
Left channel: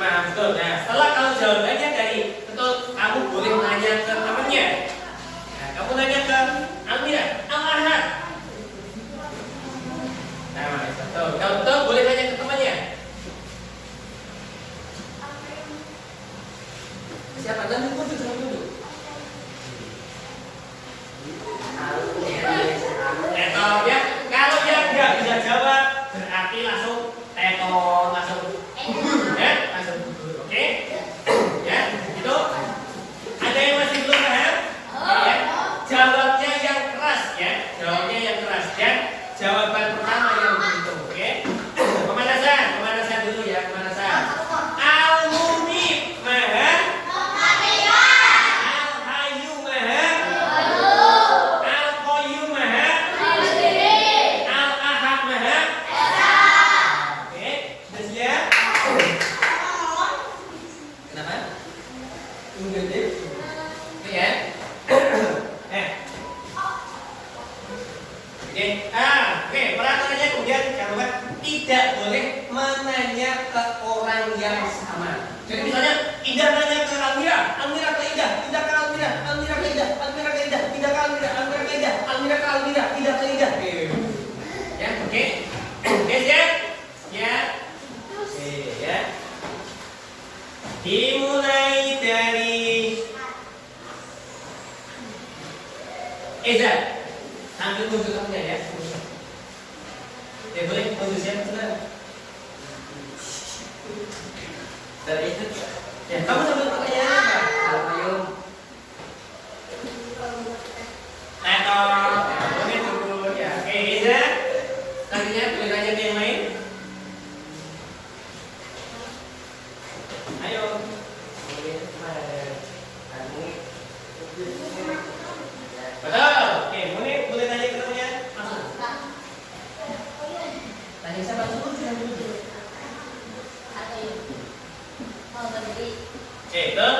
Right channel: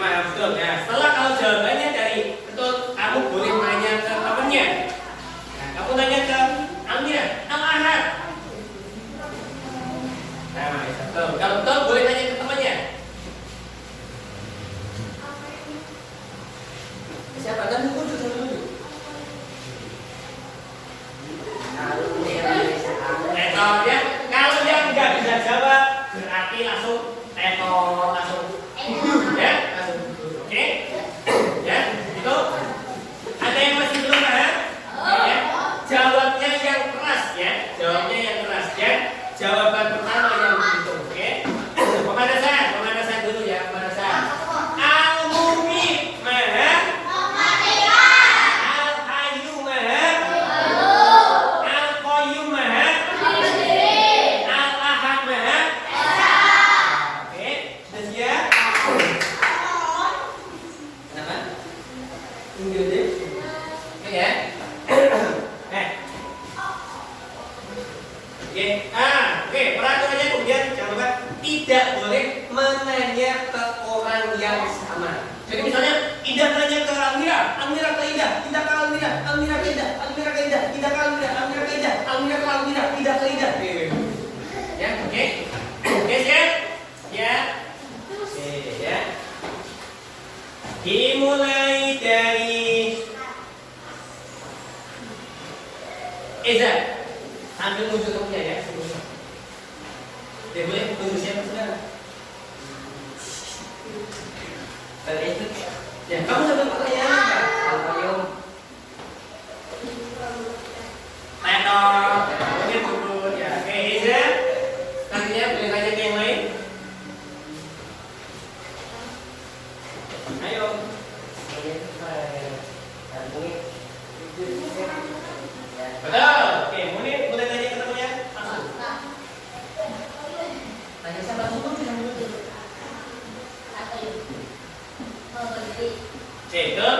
Nah, betul. Nah, setelah kalau jawabannya dari betul, kamu boleh nanya ke temannya. Nah, kamu nanya ke Amira, Al-Ahad. Nah, betul. Kalau betul boleh nanya ke temannya. Siapa? Nanti muncul sama dulu. Tetor ya. Kalau dia nggak bisa jawab, berarti langsung tetor, langsung ya, langsung oke? Ya, itu. Ada yang masih belum paham? Ya. Jawabnya yang keras ya, jawabnya yang keras ya. Jawaban pertama yang begitu, oke? Pemanasan dulu ya, pemanasan. Al-Mumit maha. Al-Hayyu maha. Al-Qayyum maha. Al-Ahad maha. Oke, sudah siap? Kenapa? Tunggu deh. Oke ya. Oke, peraturannya kemudian jangan lupa tidak boleh menanya ke orang yang sama. Jadi misalnya Indah nanya ke Almira, Almira ke Indah, Indah ke Almira, Almira ke Indah, Almira ke Indah, Indah ke Almira, Almira ke Indah, Almira ke Almira, Indah ke Indah. Ya, oke. Oke, siap? Ya. Oke, ya. Dimulai dari Eza. Sambil nunggu kamunya ya. Dia boleh nunggu siapa saudara? Dari itu. Ya, kamu sambil pertanyaan apa? Al-Qayyum. Tetor. Mungkin turun ya. Oke, Eza. Selanjutnya boleh tanya ke yang lain. Ayo. Betul. Oke, boleh tanya ke temannya langsung. Tanya siapa langsung? Oke, betul.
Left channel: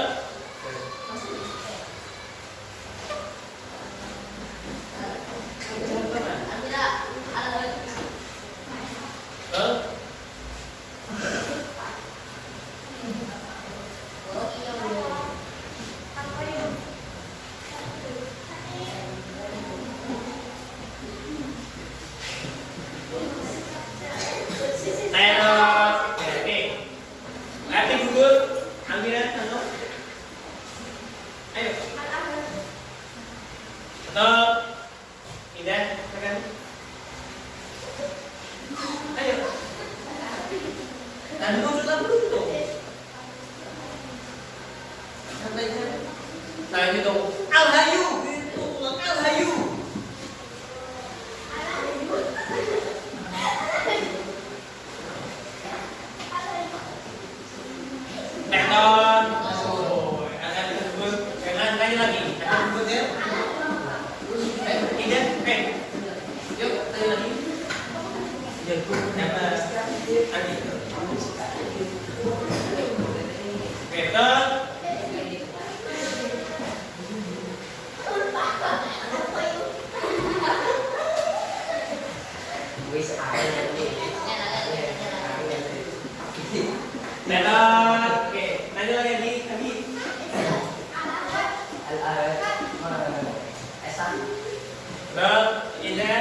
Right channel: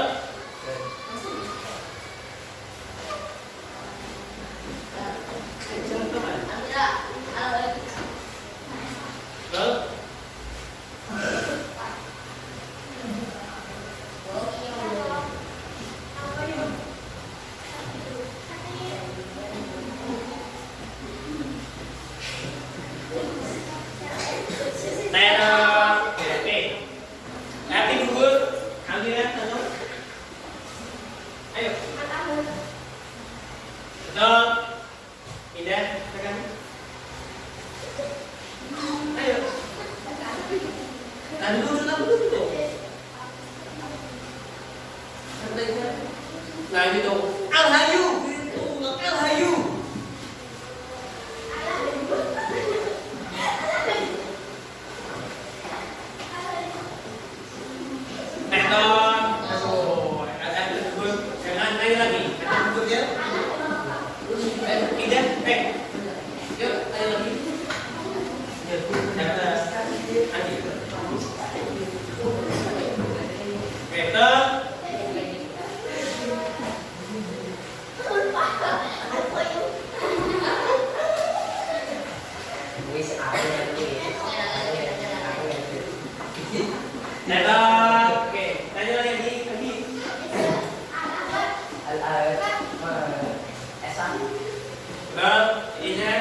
Betul. Nah gitu. Al-Hayu. Gitu. Al-Hayu. Tekton. Oh, ada tersebut. Jangan lain lagi. Ada tersebut ya. Tidak. Yuk, lain lagi. Yuk, dapat. Lagi. Tekton. Tekton. Oke, tanya lagi. Betul, ini ya.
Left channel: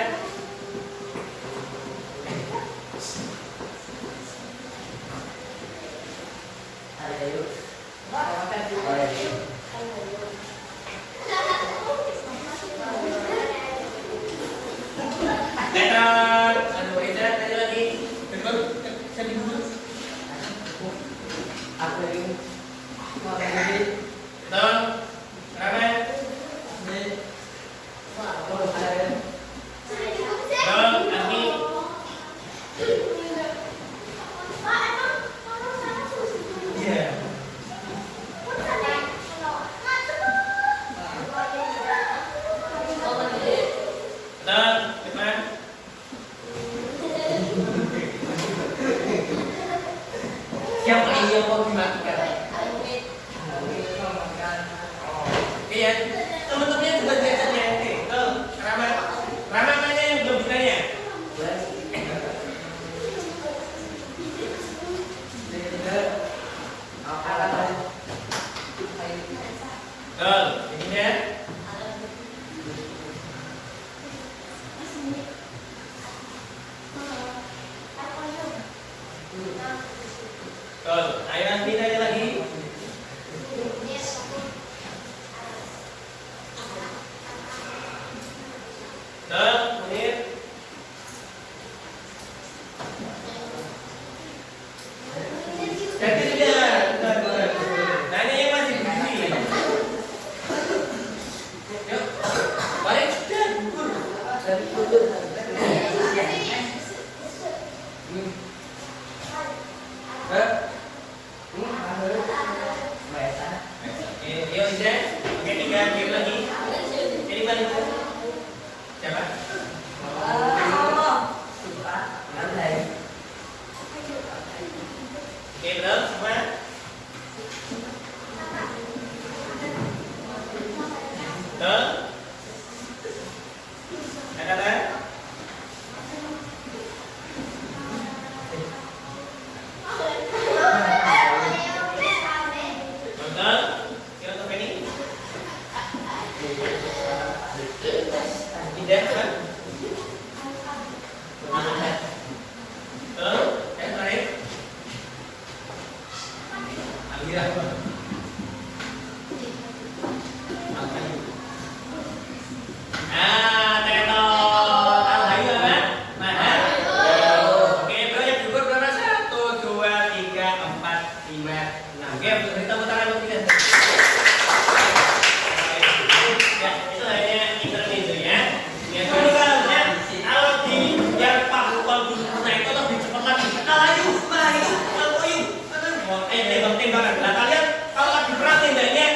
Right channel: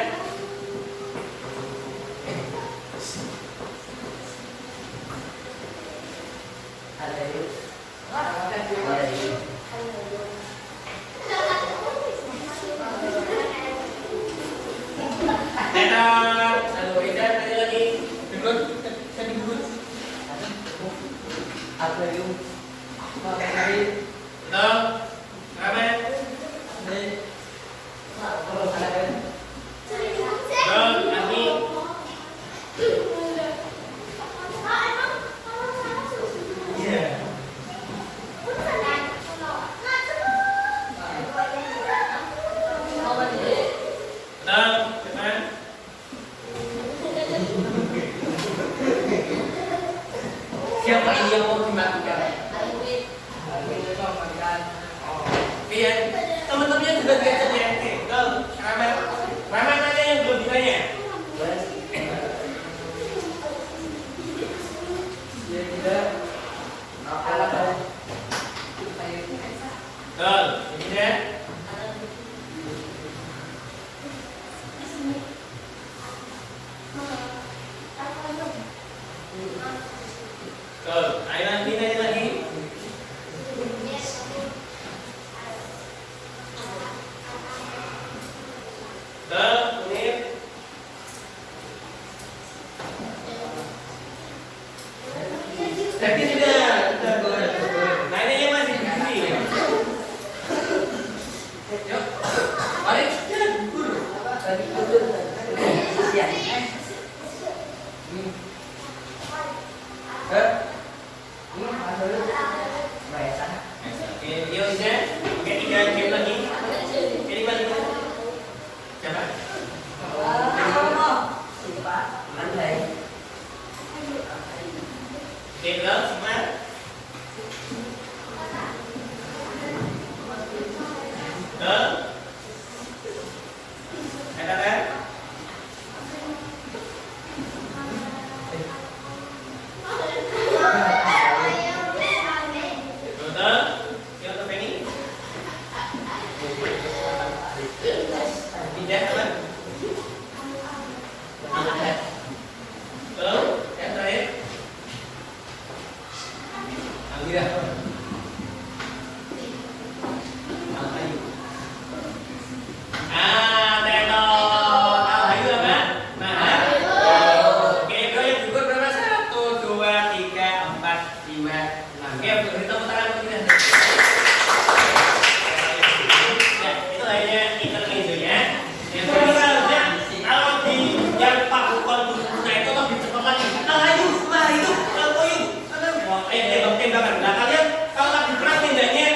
Tekton. Aduh, Ida, tanya lagi. Betul, tadi dulu. Betul. Ramen. Betul, Aki. Iya. Betul, Firman. Siapa ini yang mau dimatikan? Iya, teman-temannya juga tidak tanya. Betul, Ramen. Ramen tanya yang belum ditanya. Betul, ini ya. Betul, ayo nanti tanya lagi. Betul, Munir. Jadi sudah. Nanya yang masih di sini. Yuk, balik. Yuk, Ida. Oke, 3 game lagi. Jadi balik. Siapa? Betul, semua. Betul. Katakan. Betul. Yuk, ke Penny. Tidak, apa? Betul. Yang terakhir. Alira. Al-Hayu. Tekton. Al-Hayu apa? Mahal. Oke, bro, yang gugur berapa? 1, 2, 3, 4, 5, 6. Oke, untuk kita putaran berikutnya. Ya, itu hanya intermezzonya. Yang kedua seharusnya kalau di yang bagus nah itu lebih cepat lagi. Al-Hayu, Mahal, Al-Qayyum. Tembak-tembakan. Nah, kalian kalau lagi perang tembaknya.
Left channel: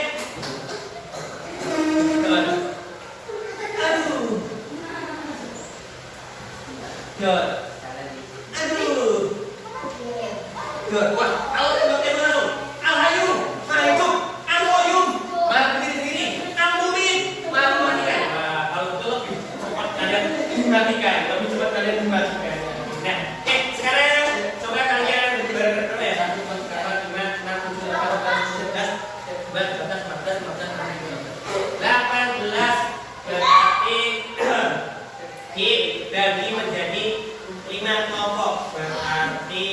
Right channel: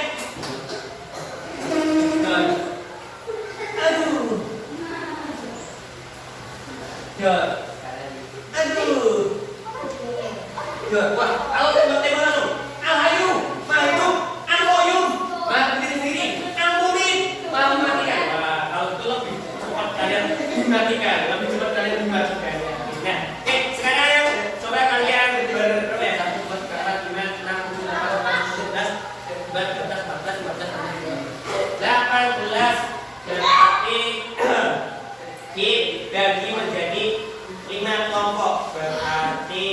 Aduh. God. Aduh. God. Wah, kalau tembak-tembak langsung. Al-Hayu, Mahal, Al-Qayyum. Berdiri-diri, Al-Mumin. Matikan. Wah, kalau itu lebih cepat kalian dimatikan. Lebih cepat kalian dimatikan. Nah, oke, sekarang coba kalian berapa ya? 1, 2, 3, 4, 5, 6, 7, 8, 9, 10, 11, 12, 13, 14, 15, 18 berarti dibagi menjadi 5 kelompok. Berarti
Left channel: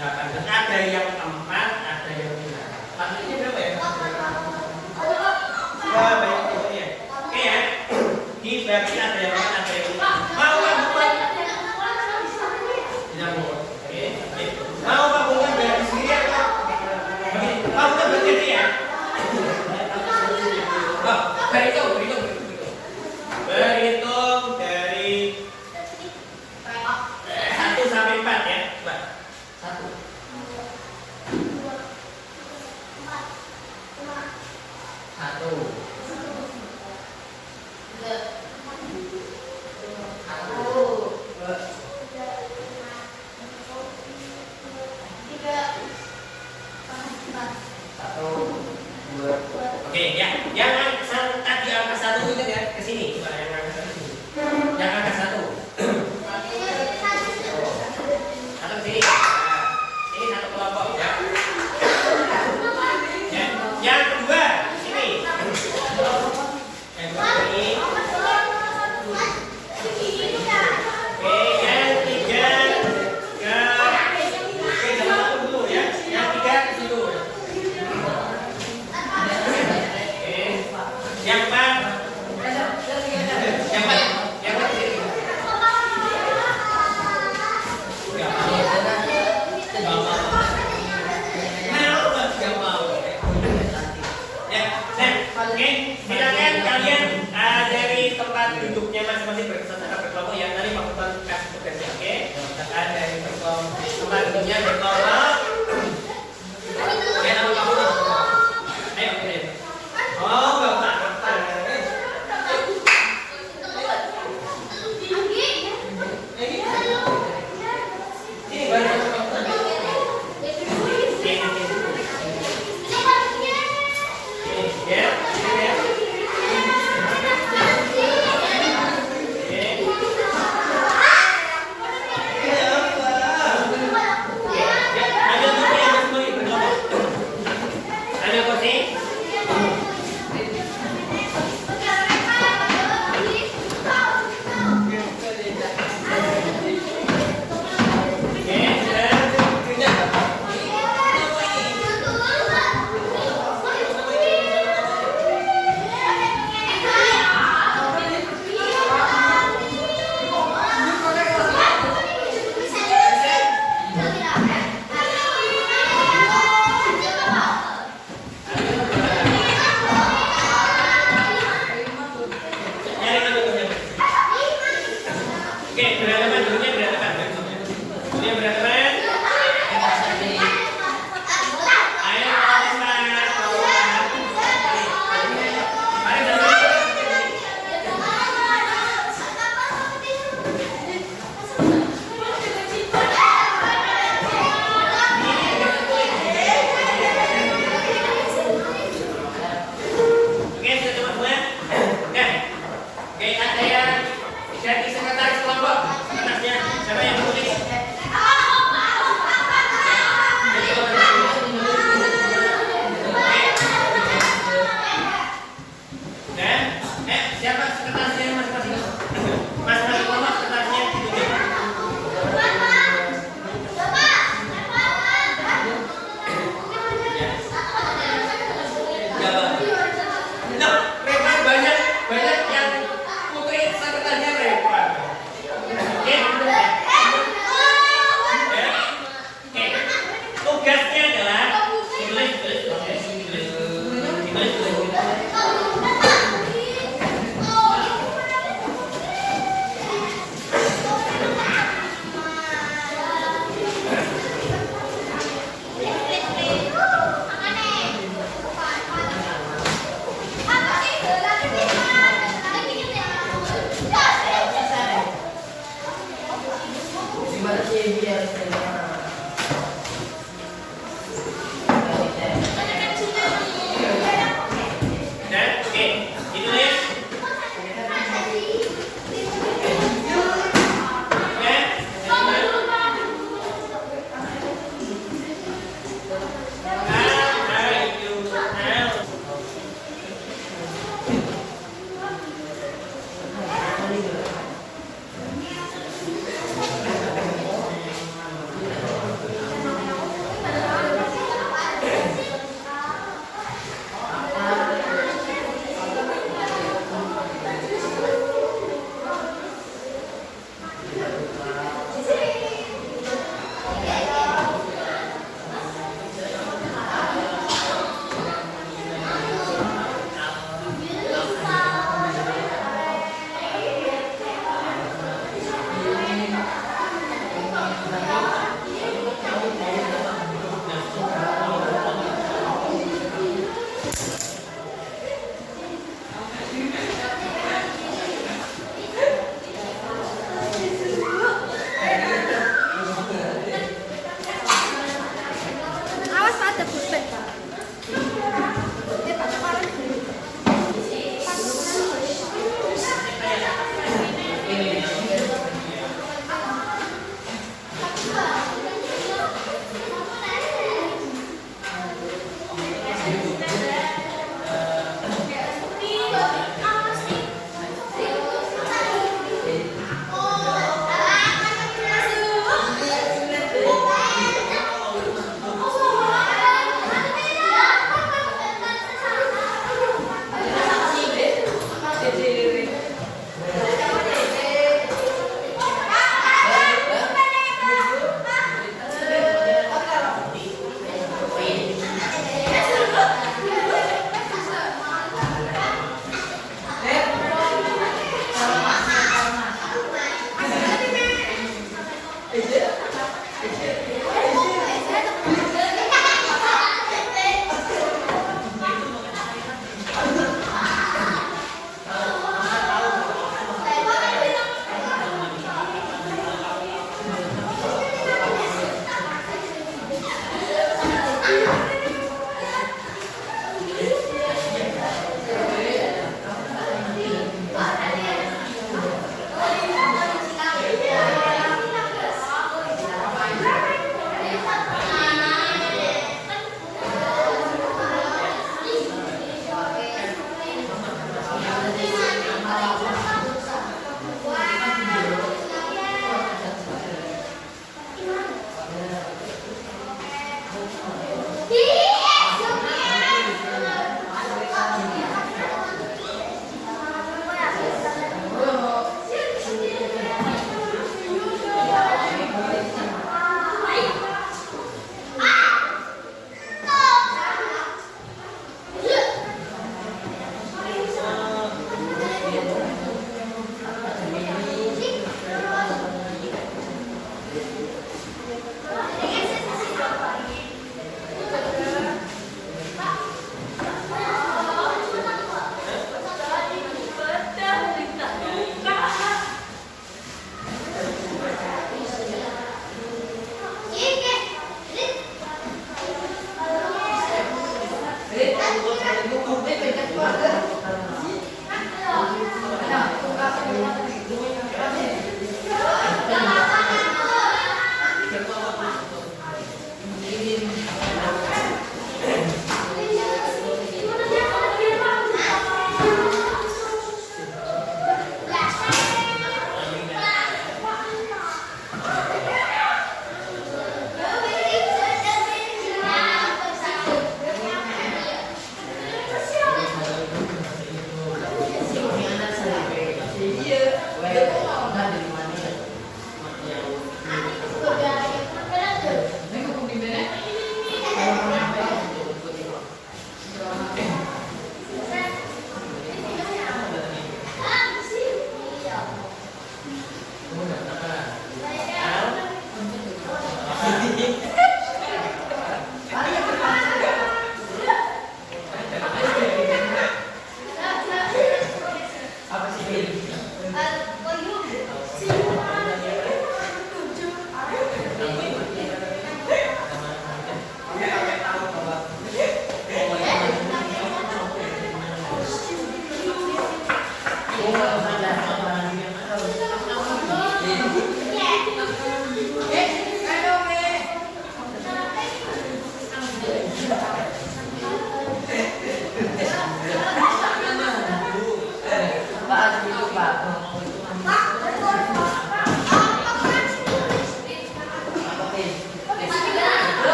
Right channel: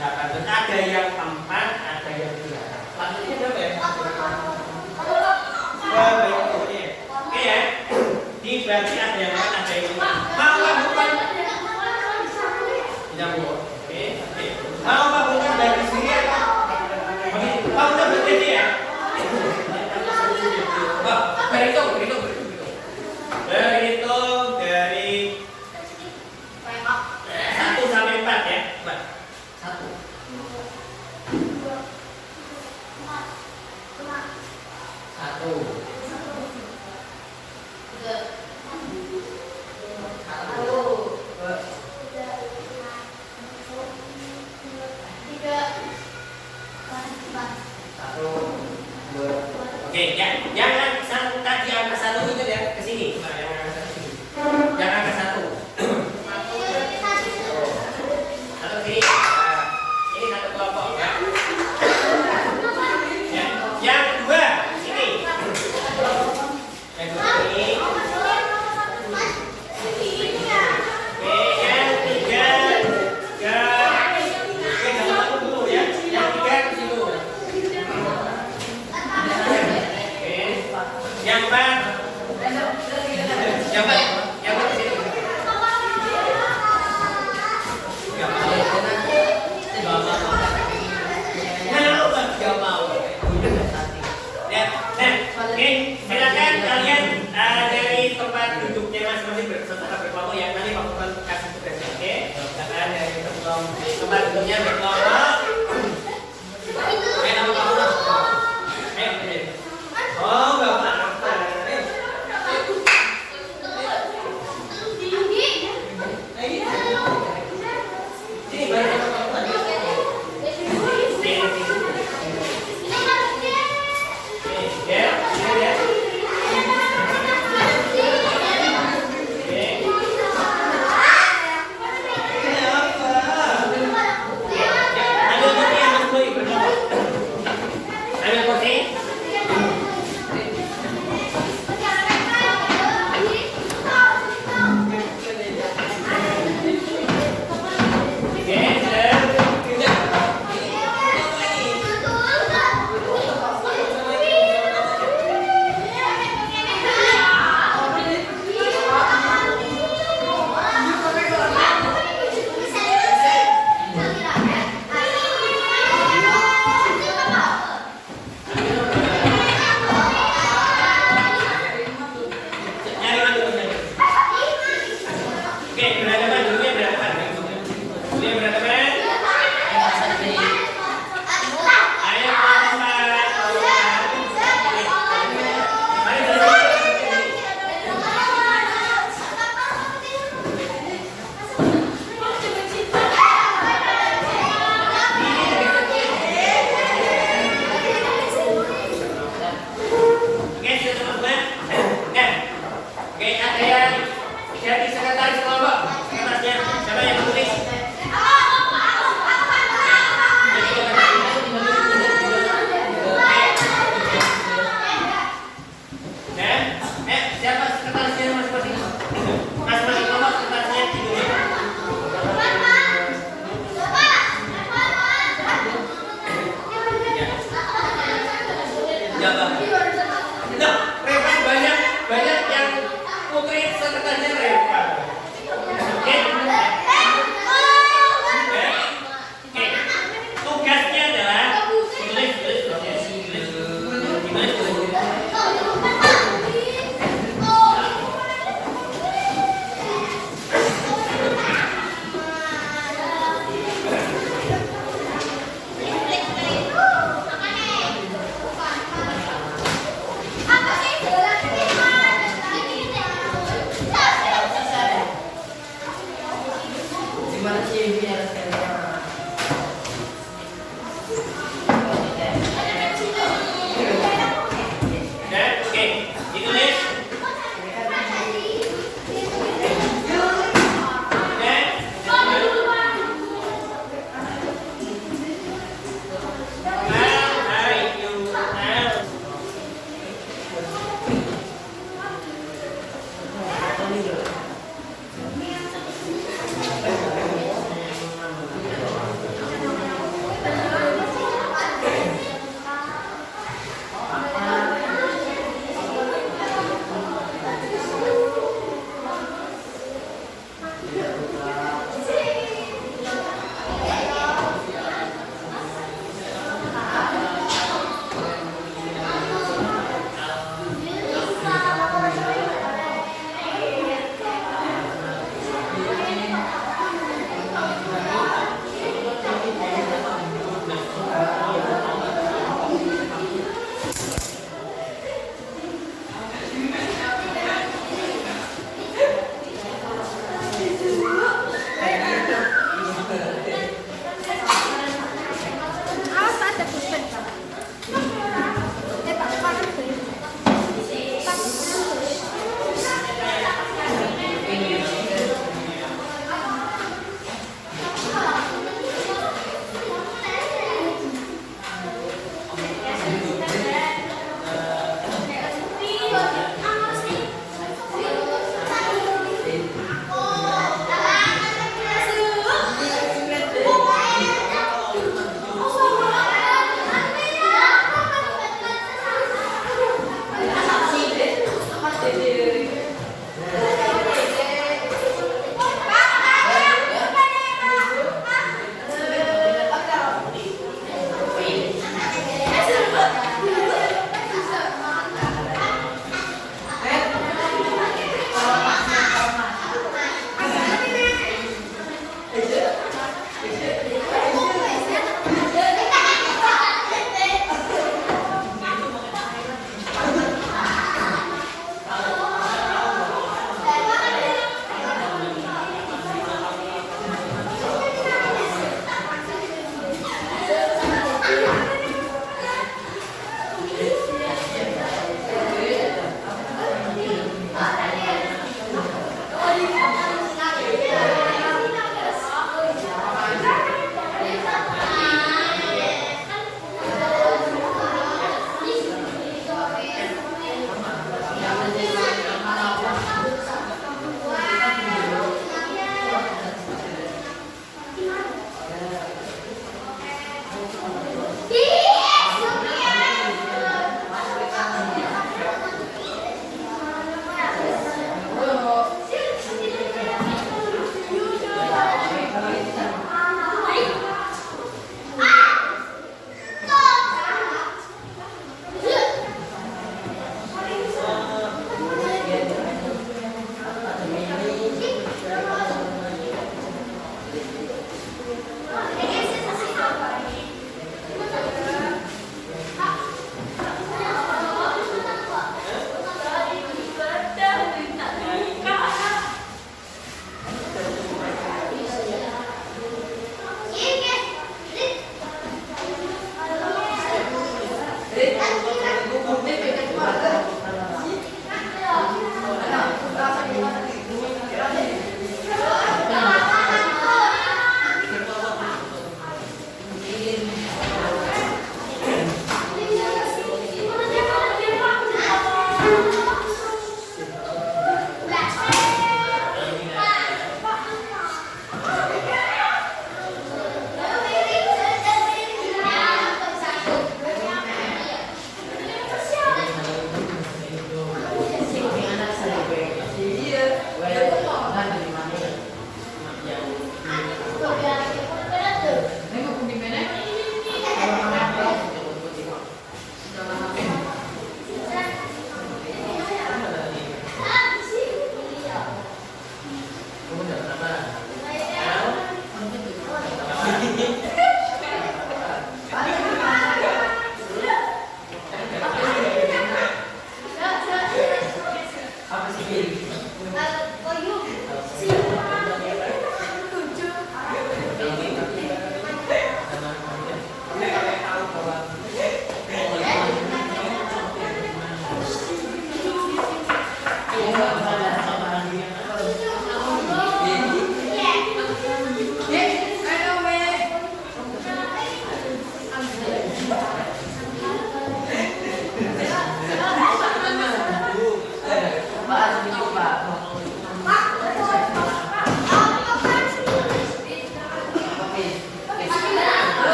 8. Ada yang 4, ada yang 3. Maksudnya berapa ya? Berapa ya? Oke ya. Dibagi ada yang 4, ada yang 5. Mau lakukan? Tidak mau. Oke. Mau lakukan bagi sendiri atau? Mau berarti ya? Satu. Oke, ya, yang tadi angka 1 itu ya ke sini, coba yang angka 1 sini. Yang angka 1. Satu ke sini. Nah, ini satu kelompok ya. Ya. Yang kedua sini. Yang kedua ini. Oke, yang tiga ke satu dulu ya. Yang tiga ke situ. Yang empat sini. Gak mau. Ya, oke, silakan kalian dari tempat duduknya masing-masing berkelompok yang nanti Pak Sultan kasih tugasnya, oke? Silakan dari tempat duduknya berkelompok. Ayo, nama Pak Sultan. Ayo. Oh, Bapak.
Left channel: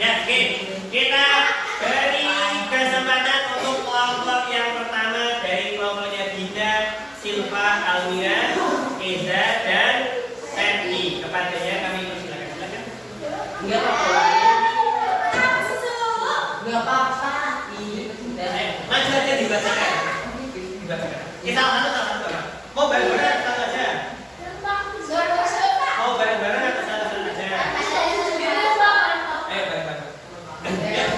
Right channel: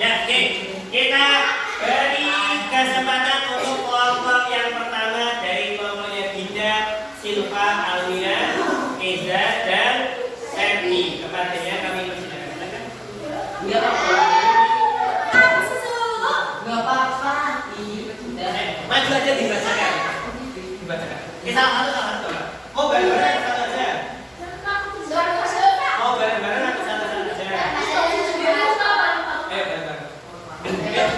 Ya, oke. Kita beri kesempatan untuk kelompok yang pertama dari kelompoknya Dinda, Silva, Almira, Eza, dan Sandy. Kepadanya kami persilakan. Silakan. Enggak apa-apa. Enggak apa-apa. Maju aja dibacakan. Dibacakan. Kita sama-sama. Mau bareng-bareng atau satu aja? Mau bareng-bareng atau satu aja? Ayo bareng-bareng. Yuk.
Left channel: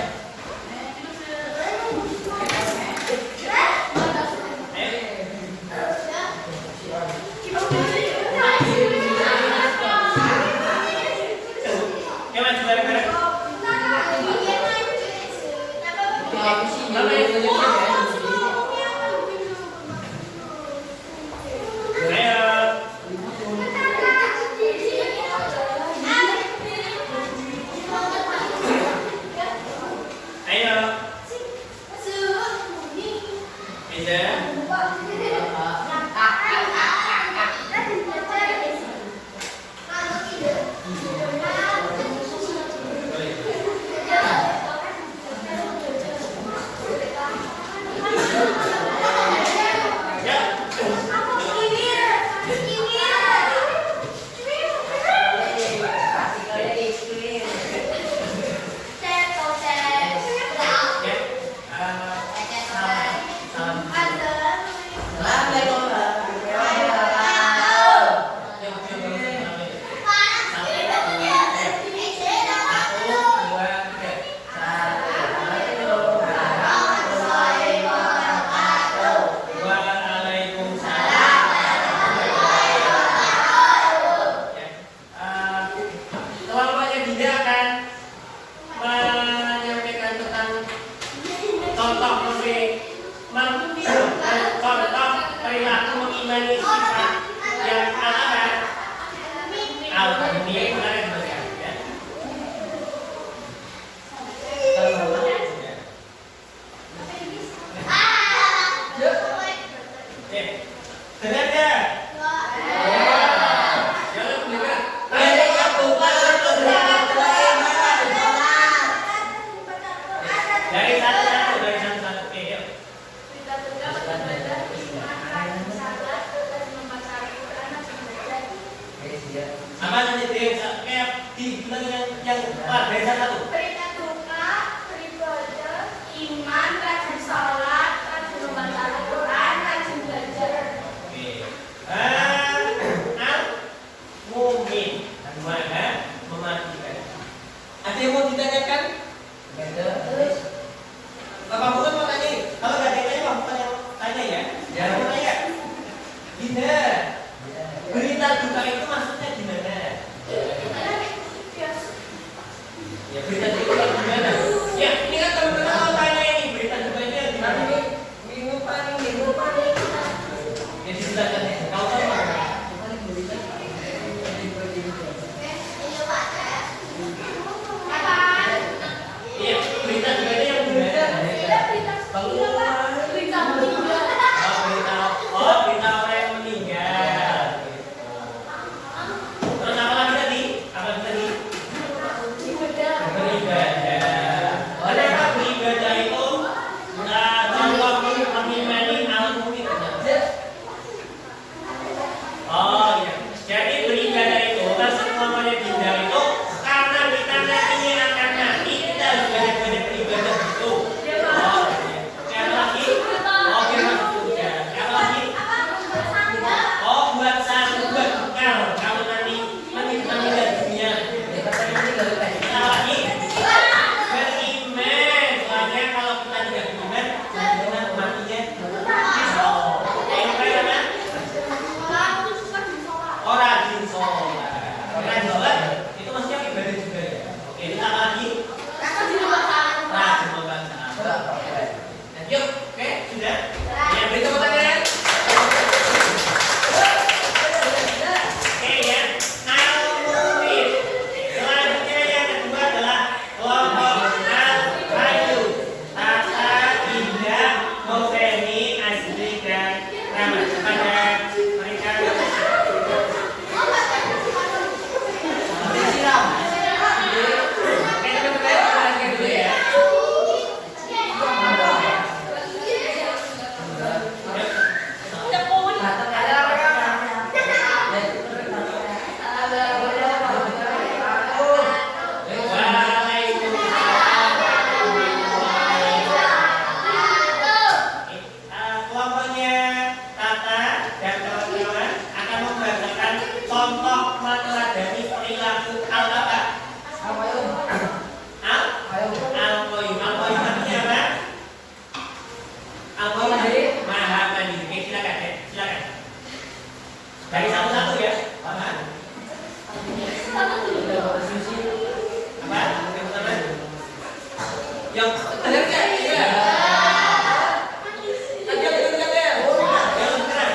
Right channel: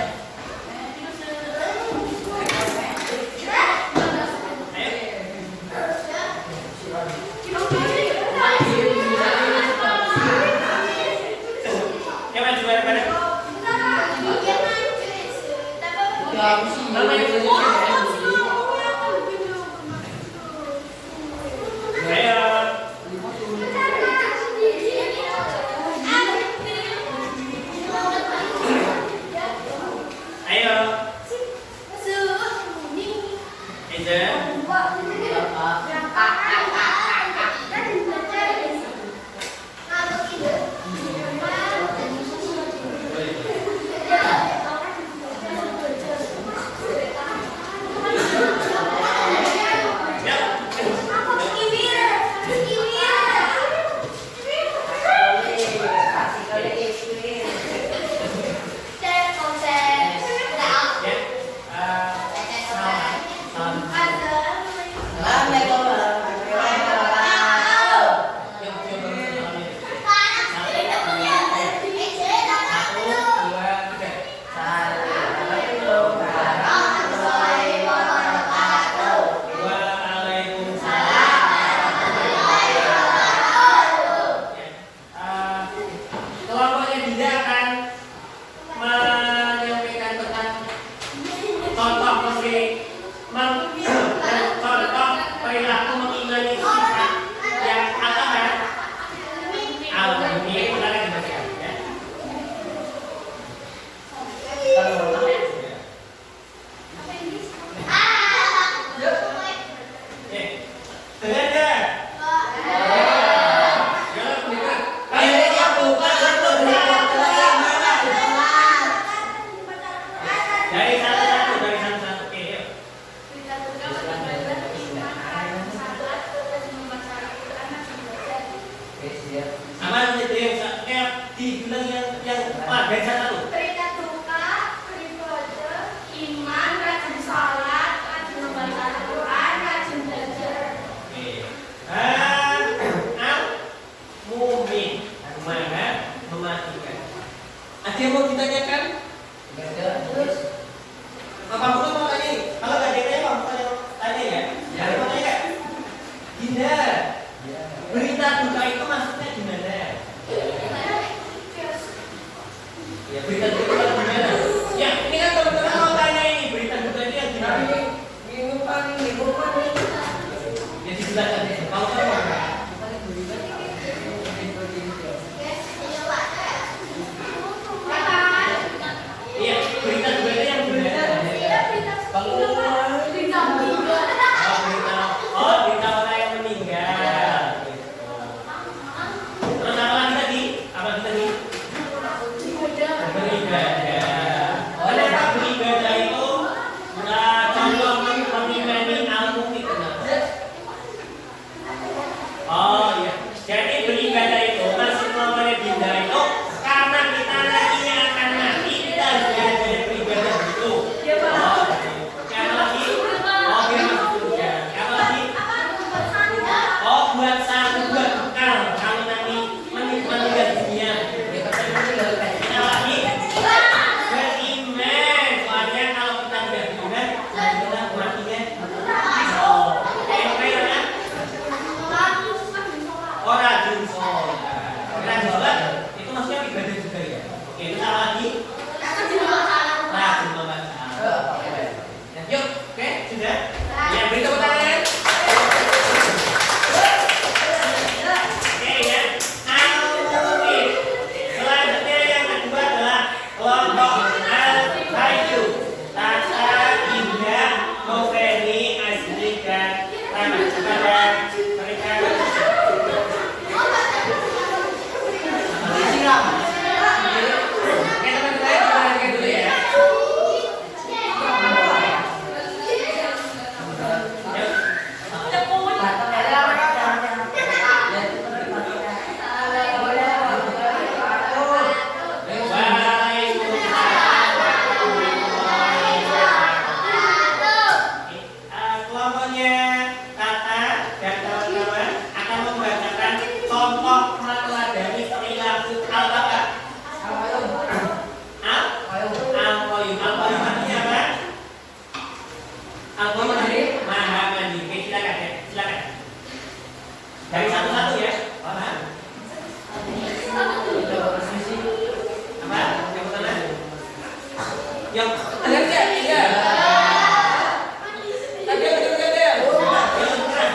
Kamu sih Mana yang banyak punya? Ayo. Ayo. Aizen. Ya. Ya. Salam. Yuk, salamnya. 1, 2, 3. Waalaikumsalam. Kelompoknya Dinda akan menyampaikan tentang contoh perilaku mengimani sifat yang al-ahad. Al-ahad benar yang dibacakan ya. Dengar gak? Jangan dengar. Dari satu-satu. Oke, yuk. Sama nanti deh, kayak dibilang yang dari satu. Berita duka, beribadah, iman, rajin salat, rajin membaca Al-Quran, rajin belajar. Oke. Al-mumin. Mana mematikan. Ada yang mau ditanyakan? Yang benar nggak? Iya. Tadi yang benar nggak ya? Yang benar.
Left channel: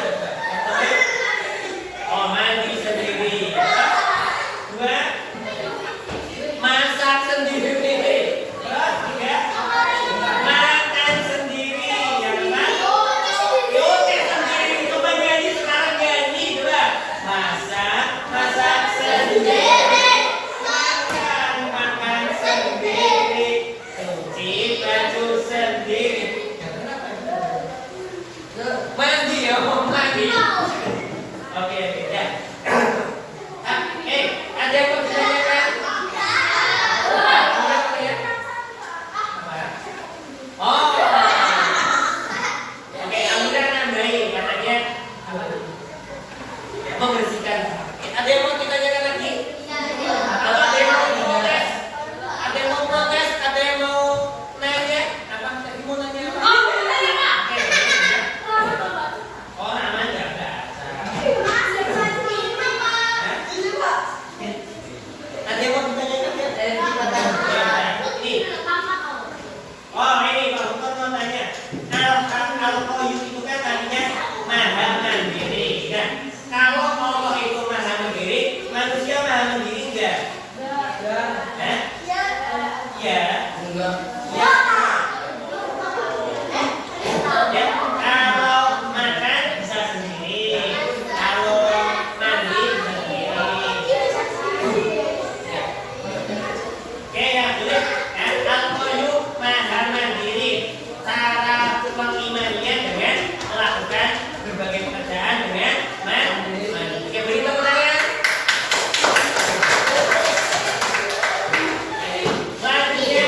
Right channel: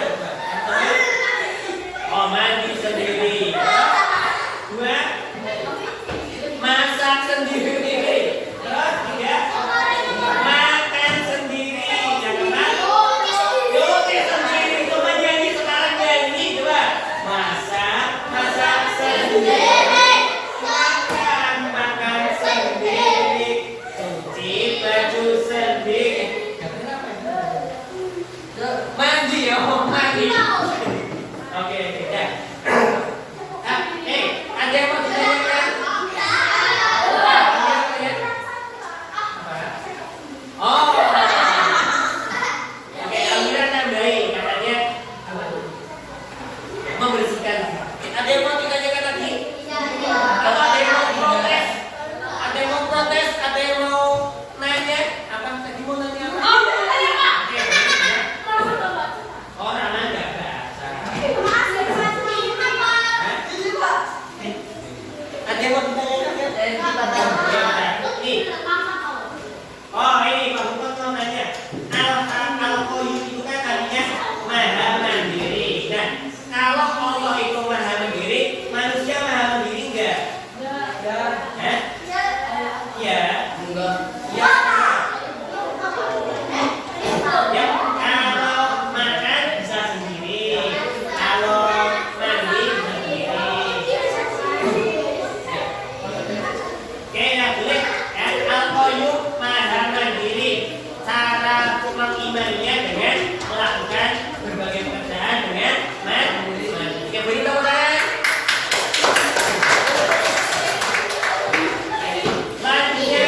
Oh, mandi sendiri. Dua, masak sendiri. Tiga, makan sendiri. Yang keempat, nyuci sendiri. Coba nyanyi sekarang nyanyi coba. Masak sendiri. Makan sendiri. Cuci baju sendiri. Mandi ya, mandi. Oke, ya. Ada yang mau ditanyakan? Oh, oke, Amira nambahin katanya membersihkan. Ada yang mau ditanyakan lagi? Atau ada yang mau protes? Ada yang mau protes? Ada yang mau nanya? Apa tadi mau nanya apa? Oke, ya. Oh, namanya nggak baca. Ada yang mau ditanyakan? Nih. Oh, ini Pak Bukot namanya. Al-Qayyum itu kan tadinya maha mandiri. Nah, kalau Allah itu maha mandiri, manusia maha mandiri enggak? Hah? Ya. Enggak. Ya. Ya, kalau makan bisa sendiri. Kalau mandi bisa sendiri. Oke, ya boleh. Al-Qayyum maha mandiri. Cara mengimaninya dengan melakukan berbagai pekerjaan dengan mandi. Oke, beri tepuk tangan. Selanjutnya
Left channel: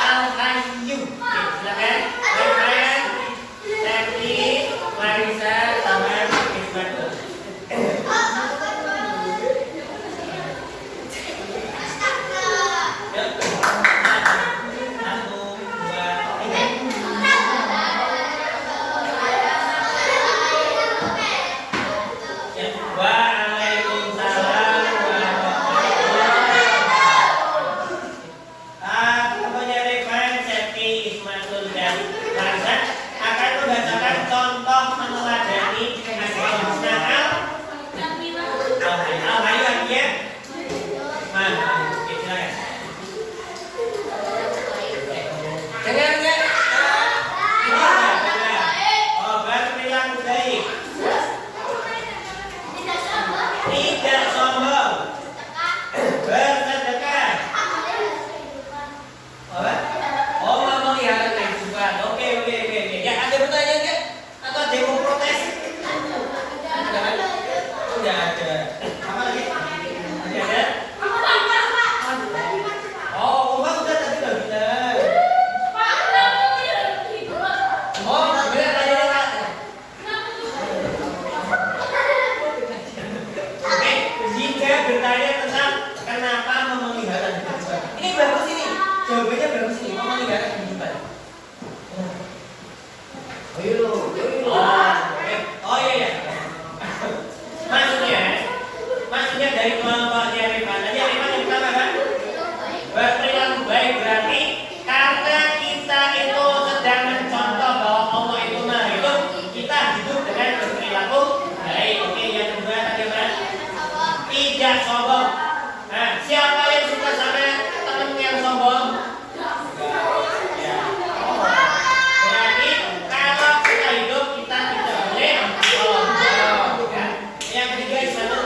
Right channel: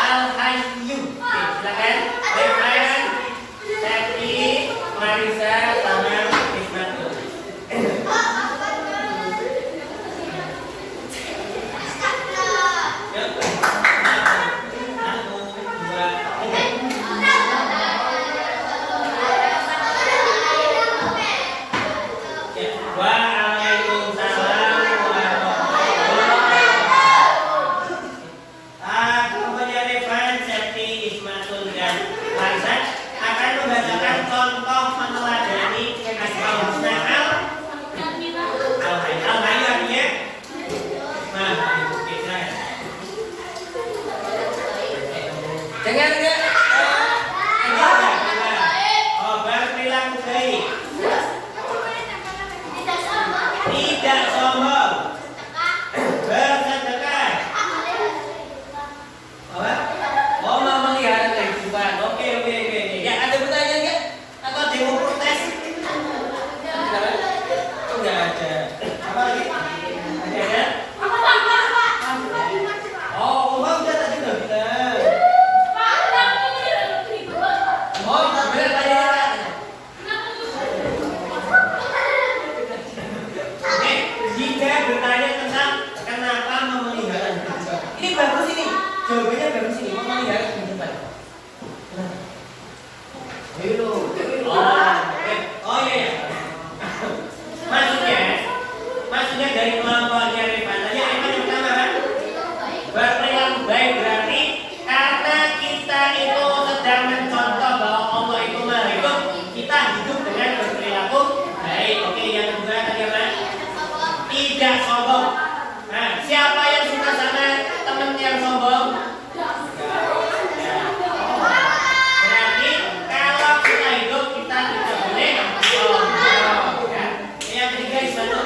Al-Qayyum. Oke, silakan. Revan, Tati, Marisa, sama Ismatul. Yuk. 1, 2, 3. Waalaikumsalam warahmatullahi wabarakatuh. Kemudian Revan, Seti, Ismatul dan Marisa akan membacakan contoh meneladani asal husna al-hayy lagi ya. Dengar nggak? Oh, berperilaku baik. Tidak sombong. Bersedekah. Oh, memelihara kehidupan. Oke. Ya, ada pertanyaan nggak? Atau ada yang mau protes? Enggak ada. Apa lagi? Ada? Oh, uang udah tadi udah bilang. Oh, benar tadi ya. Jika bertanya tentang kenapa memelihara kehidupan, ini bagus ini. Jawabannya bagus ini, memelihara kehidupan. Oh iya. Maksudnya dari kelompoknya Rifan tadi yang pertama kan? Berperilaku baik berarti karena kita itu sedang mencontoh bahwa Allah itu maha hidup, kita hidup dengan berperilaku baik. Oke, yang kedua tadi apa? Tidak sombong. Nah, siapa yang suka sama teman yang sombong? Berarti kalau kita hidup kita tidak boleh sombong. Ya. Yang ketiga di sana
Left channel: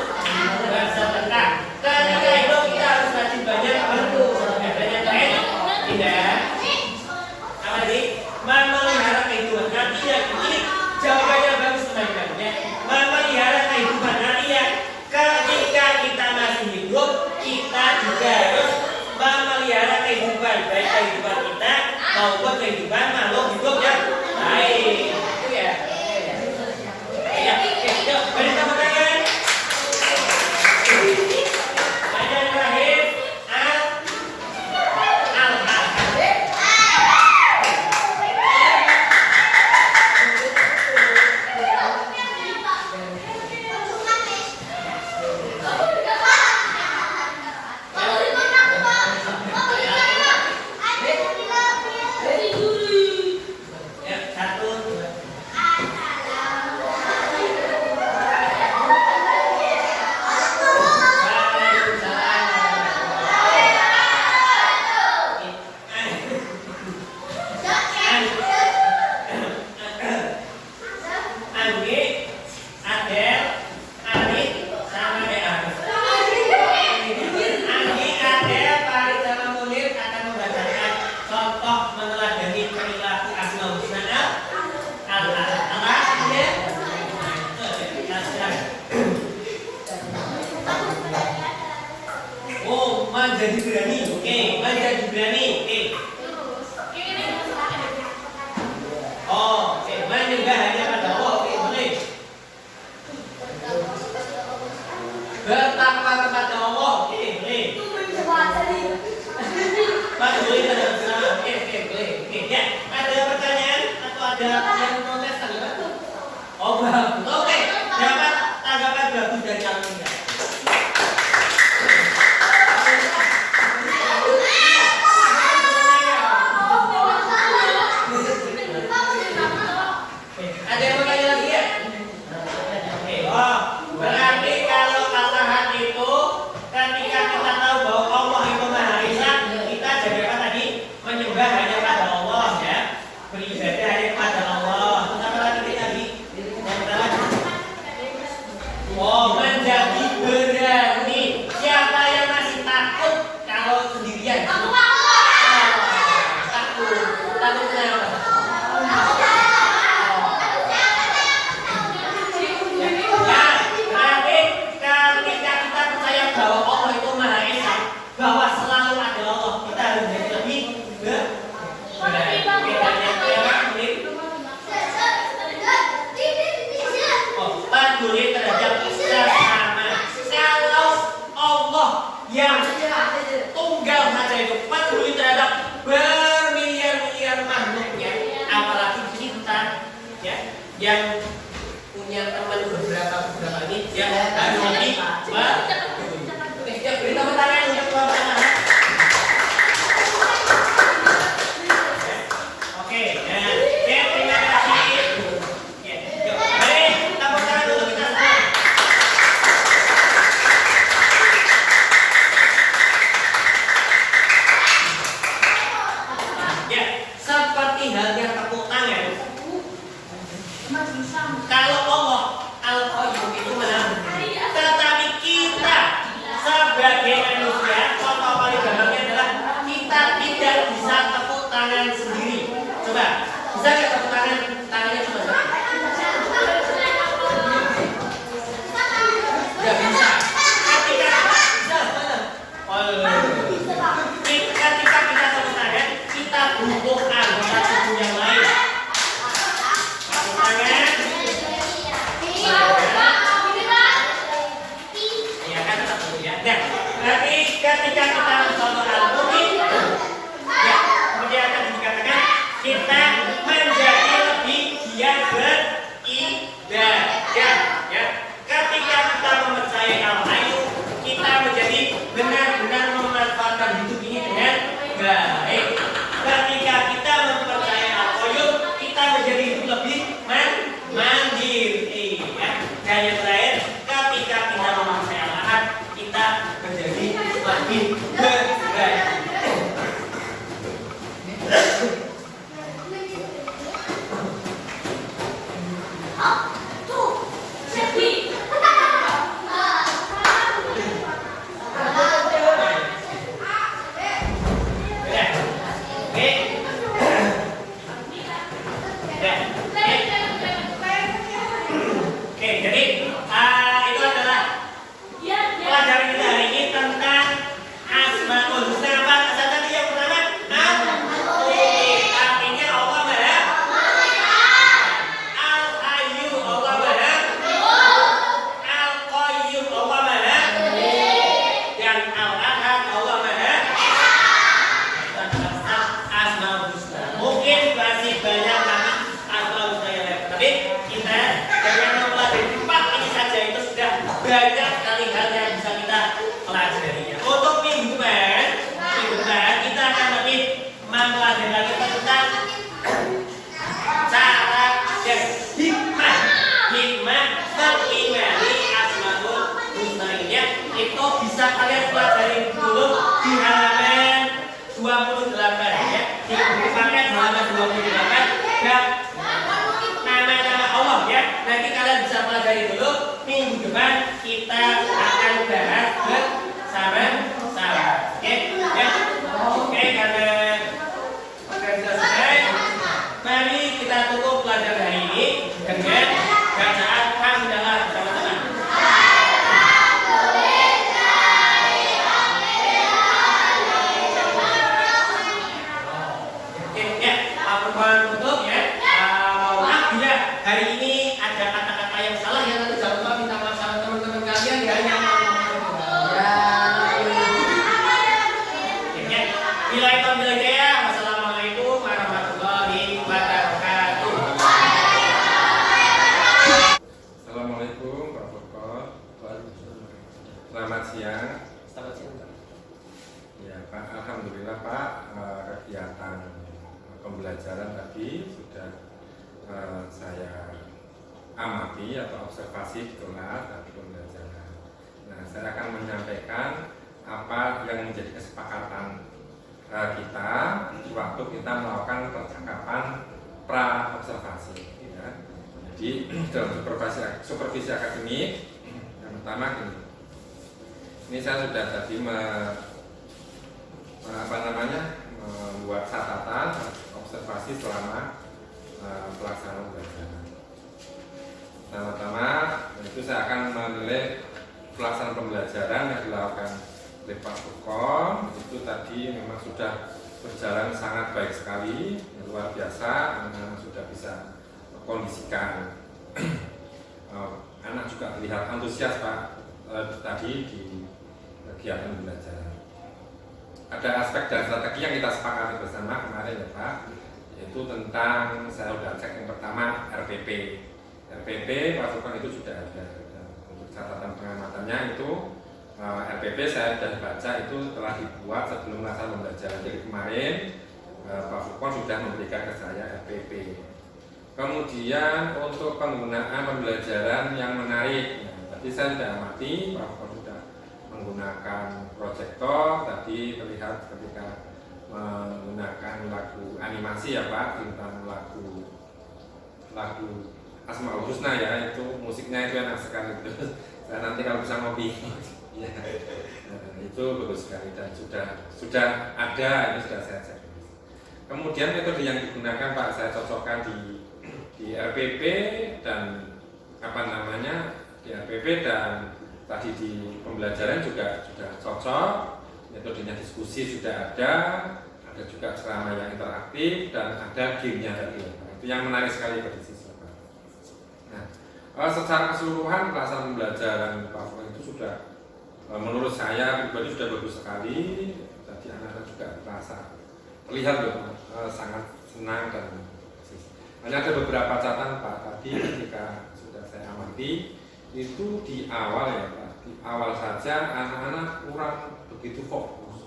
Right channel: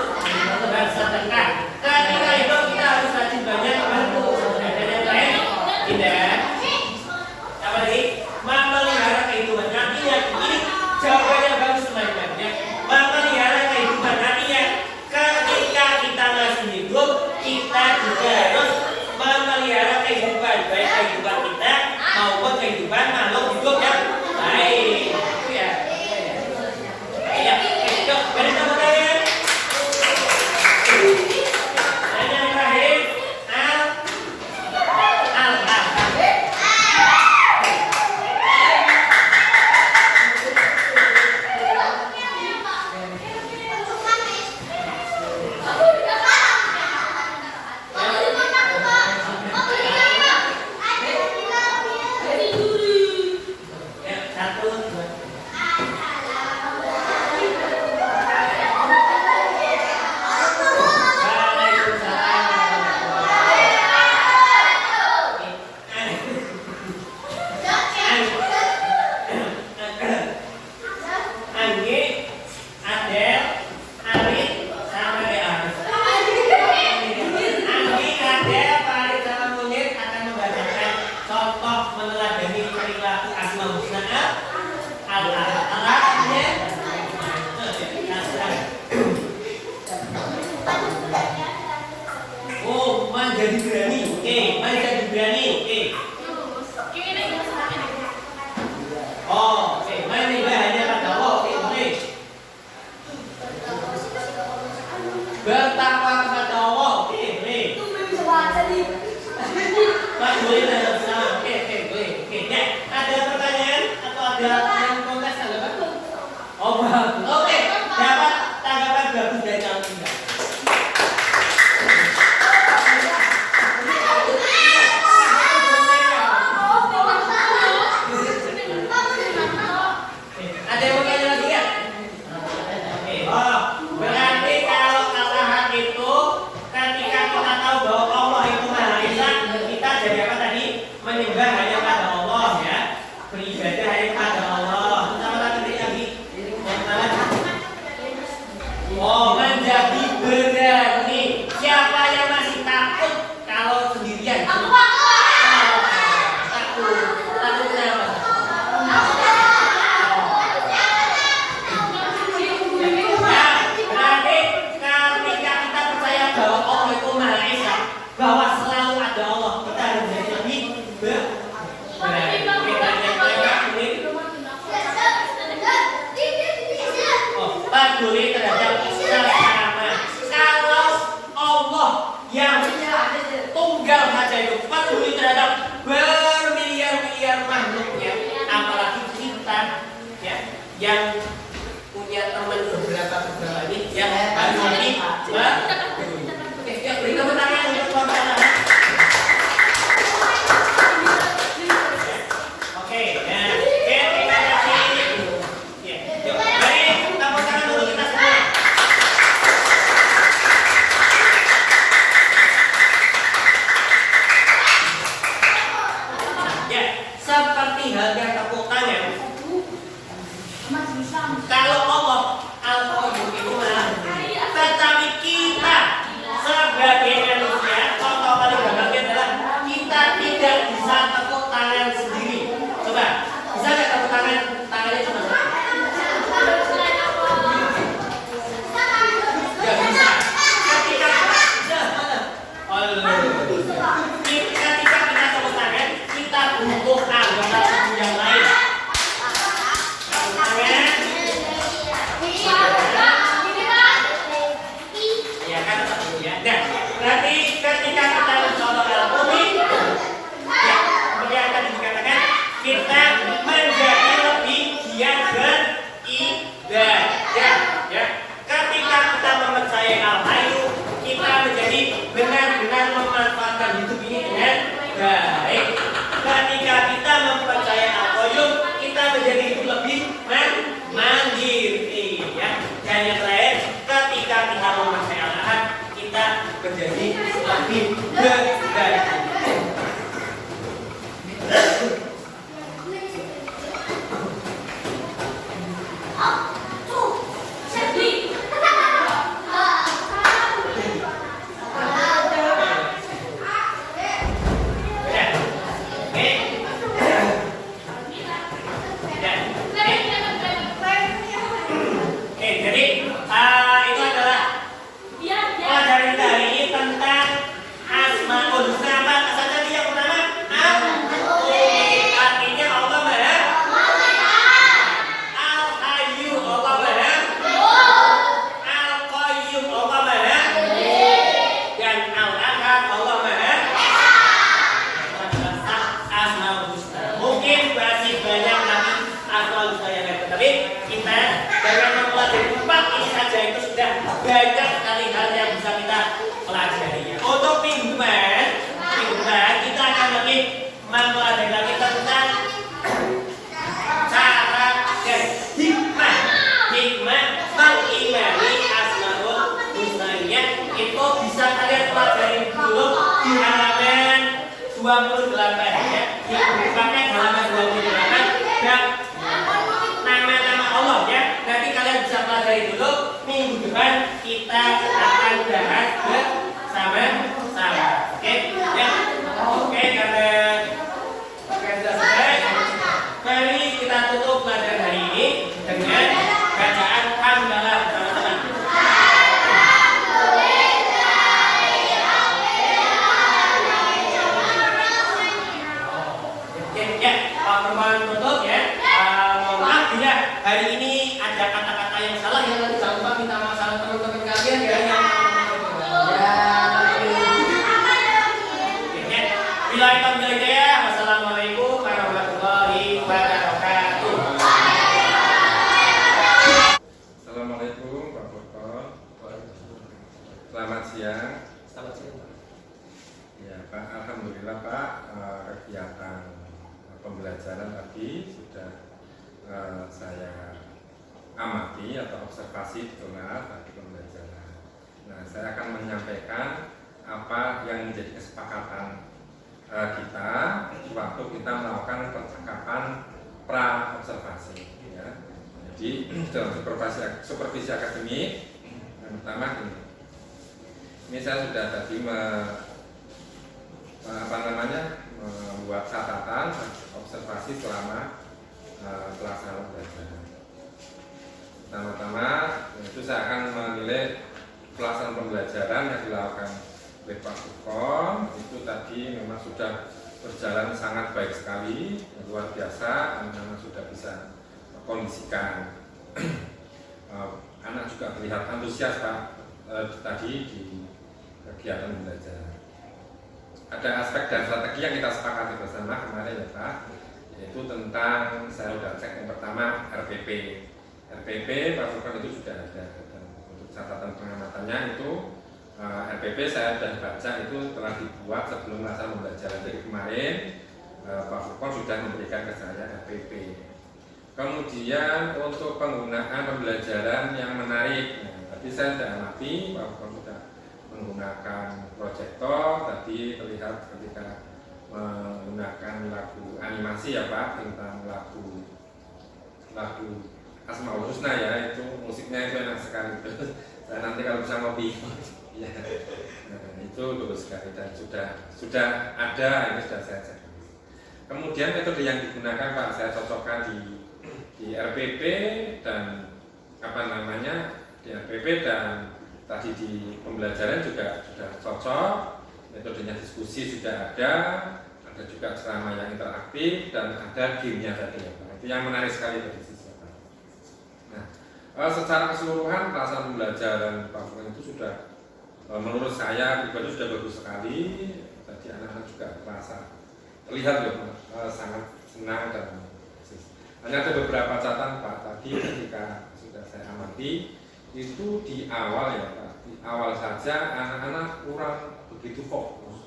bersedekah. Ketika hidup kita harus rajin banyak bersedekah. Dan yang lain tidak. Apa tadi? Memelihara kehidupan. Artinya ini jawabannya bagus teman-teman. Memelihara kehidupan artinya ketika kita masih hidup kita juga harus memelihara kehidupan, baik kehidupan kita maupun kehidupan makhluk hidup yang lain. Itu ya. Ya, yuk, beri tepuk tangan. Dan yang terakhir, menjadi berani. Oke, menjadi berani. Oke. Oh, oke. Menyembah hanya pada Allah. Oke, boleh. Bertakwa kepada Allah. Oke, boleh. Pak boleh tanya bersama. Oke, boleh. Oke, ya. Ada pertanyaan atau ada yang protes tanggapan? Oh, bagus. Oke, dapat tanggapan bagus dari kalian. Ada yang mau tanya lagi ya? Oh, berarti kalau Allah itu ketika kita tahu bahwa Allah itu Maha Esa, kita jadi apa tadi? Menyembah hanya pada Allah ya. Beribadah hanya pada Allah. Apa lagi? Yang pertama. Oh, menjadi berani. Siapa yang masih takut kalau sendirian? Takut kenapa? Bahwa Allah itu Maha Esa, bahwa selalu ada Allah, kita harus jadi lebih berani. Oh, peduli terhadap sesama. Kalau Allah yang tunggal saja itu peduli terhadap bermiliar-miliar makhluknya, apalagi kita ya yang punya teman beberapa ini yang harus lebih ya, beri tepuk tangan untuk Tuan Tanah. Oke, nah, terima kasih. Ya, yuk, baik, tepuk tangan untuk kita semua. Ya, seperti halnya tepuk tangan. Kalau Allah Al-Qayyum itu tetapi kita sebagai manusia, contoh paling gampangnya adalah kita tidak bisa tepuk tangan sendiri. Coba, bisa nggak tepuk tangan? Tangannya cuma satu. Nggak bisa. Ketika bisa mana? Ketika kita tepuk tangan, kita butuh anggota tubuh yang lain. Tepuk tangan. Ya kan tetap ya. Nah, berarti ketika kita mencontoh Al-Quran, ya, kemudian akan dikatakan kita menjadi lebih giat beribadah. Ya, ketika kita mempercayai Al-Hayy, kita menjadi benar-benar memanfaatkan hidup ini dengan baik. Ketika kita mempercayai Al-Qayyum, kita menjadi hidup lebih mandiri. Ya, dan yang terakhir, ketika kita mempercayai Al-Ahad, kita menjadi lebih berani. Banyak sekali hal yang bisa kita pelajarinya. Untuk minggu depan Pak, alhamdulillah Pak, kegiatan pembelajaran tadi sudah saya amati atau observasi di kelas tadi pembelajaran. Nah, saya akan menyampaikan apa yang menjadi kesepakatan kita waktu kita melakukan percakapan pra observasi. Ya. Jadi dalam supervisi akademik, yang pertama ini saya sudah tadi membuat catatan observasi selama pelaksanaan pembelajaran. Pertama-tama itu saya akan menilai pelaksanaan pembelajaran yang dilakukan oleh Pak Furqon. Itu tadi memang sudah berjalan sangat baik sekali, luar biasa. Anak-anak sudah bisa kondisikan. Anak juga terlihat antusias Pak tadi di kegiatan pembelajaran. Ada aspek dan strategi yang kita sepakati bersama kemarin ya Pak, yaitu tentang saya sudah cek yang pertama RPP Pak Furqon itu sudah ada. Untuk catatan pengamatannya itu RPP saya sudah baca itu telah dibuat sebelum melaksanakan pembelajaran. Jadi kemarin Pak Furqon sudah memberikan ke saya RPP. Kemudian untuk penggunaan pembelajaran yang menarik, tadi saya sudah amati Pak Furqon sudah menggunakan proyektor. Tadi terlihat ketika menggunakan lagu animasi ya Pak, tentang lagu Asmaul Husna ya, itu musiknya itu enak sekali. Saya nanti kalau bisa ngopi ya, itu bagus sekali dan sudah ada, ini sudah saya cek. Kemudian metode yang digunakan Pak saya cocokkan di RPP dan di RPP dan tadi di pembelajaran juga sudah cocok. Metodenya diskusi sudah ada juga ceramah yang interaktif dan ada gamenya tadi ya Pak. Itu yang menarik sekali bagi siswa. Nah, secara keseluruhan pelaksanaan pembelajaran Pak Furqon itu sudah menurut saya pribadi sudah bagus sekali. Tadi anak-anak juga terasa terlihat loh sangat senang dan hanya ada beberapa catatan Pak tadi ketika sudah saya amati itu di awal ya Pak, di awal saja anak-anak kurang begitu fokus,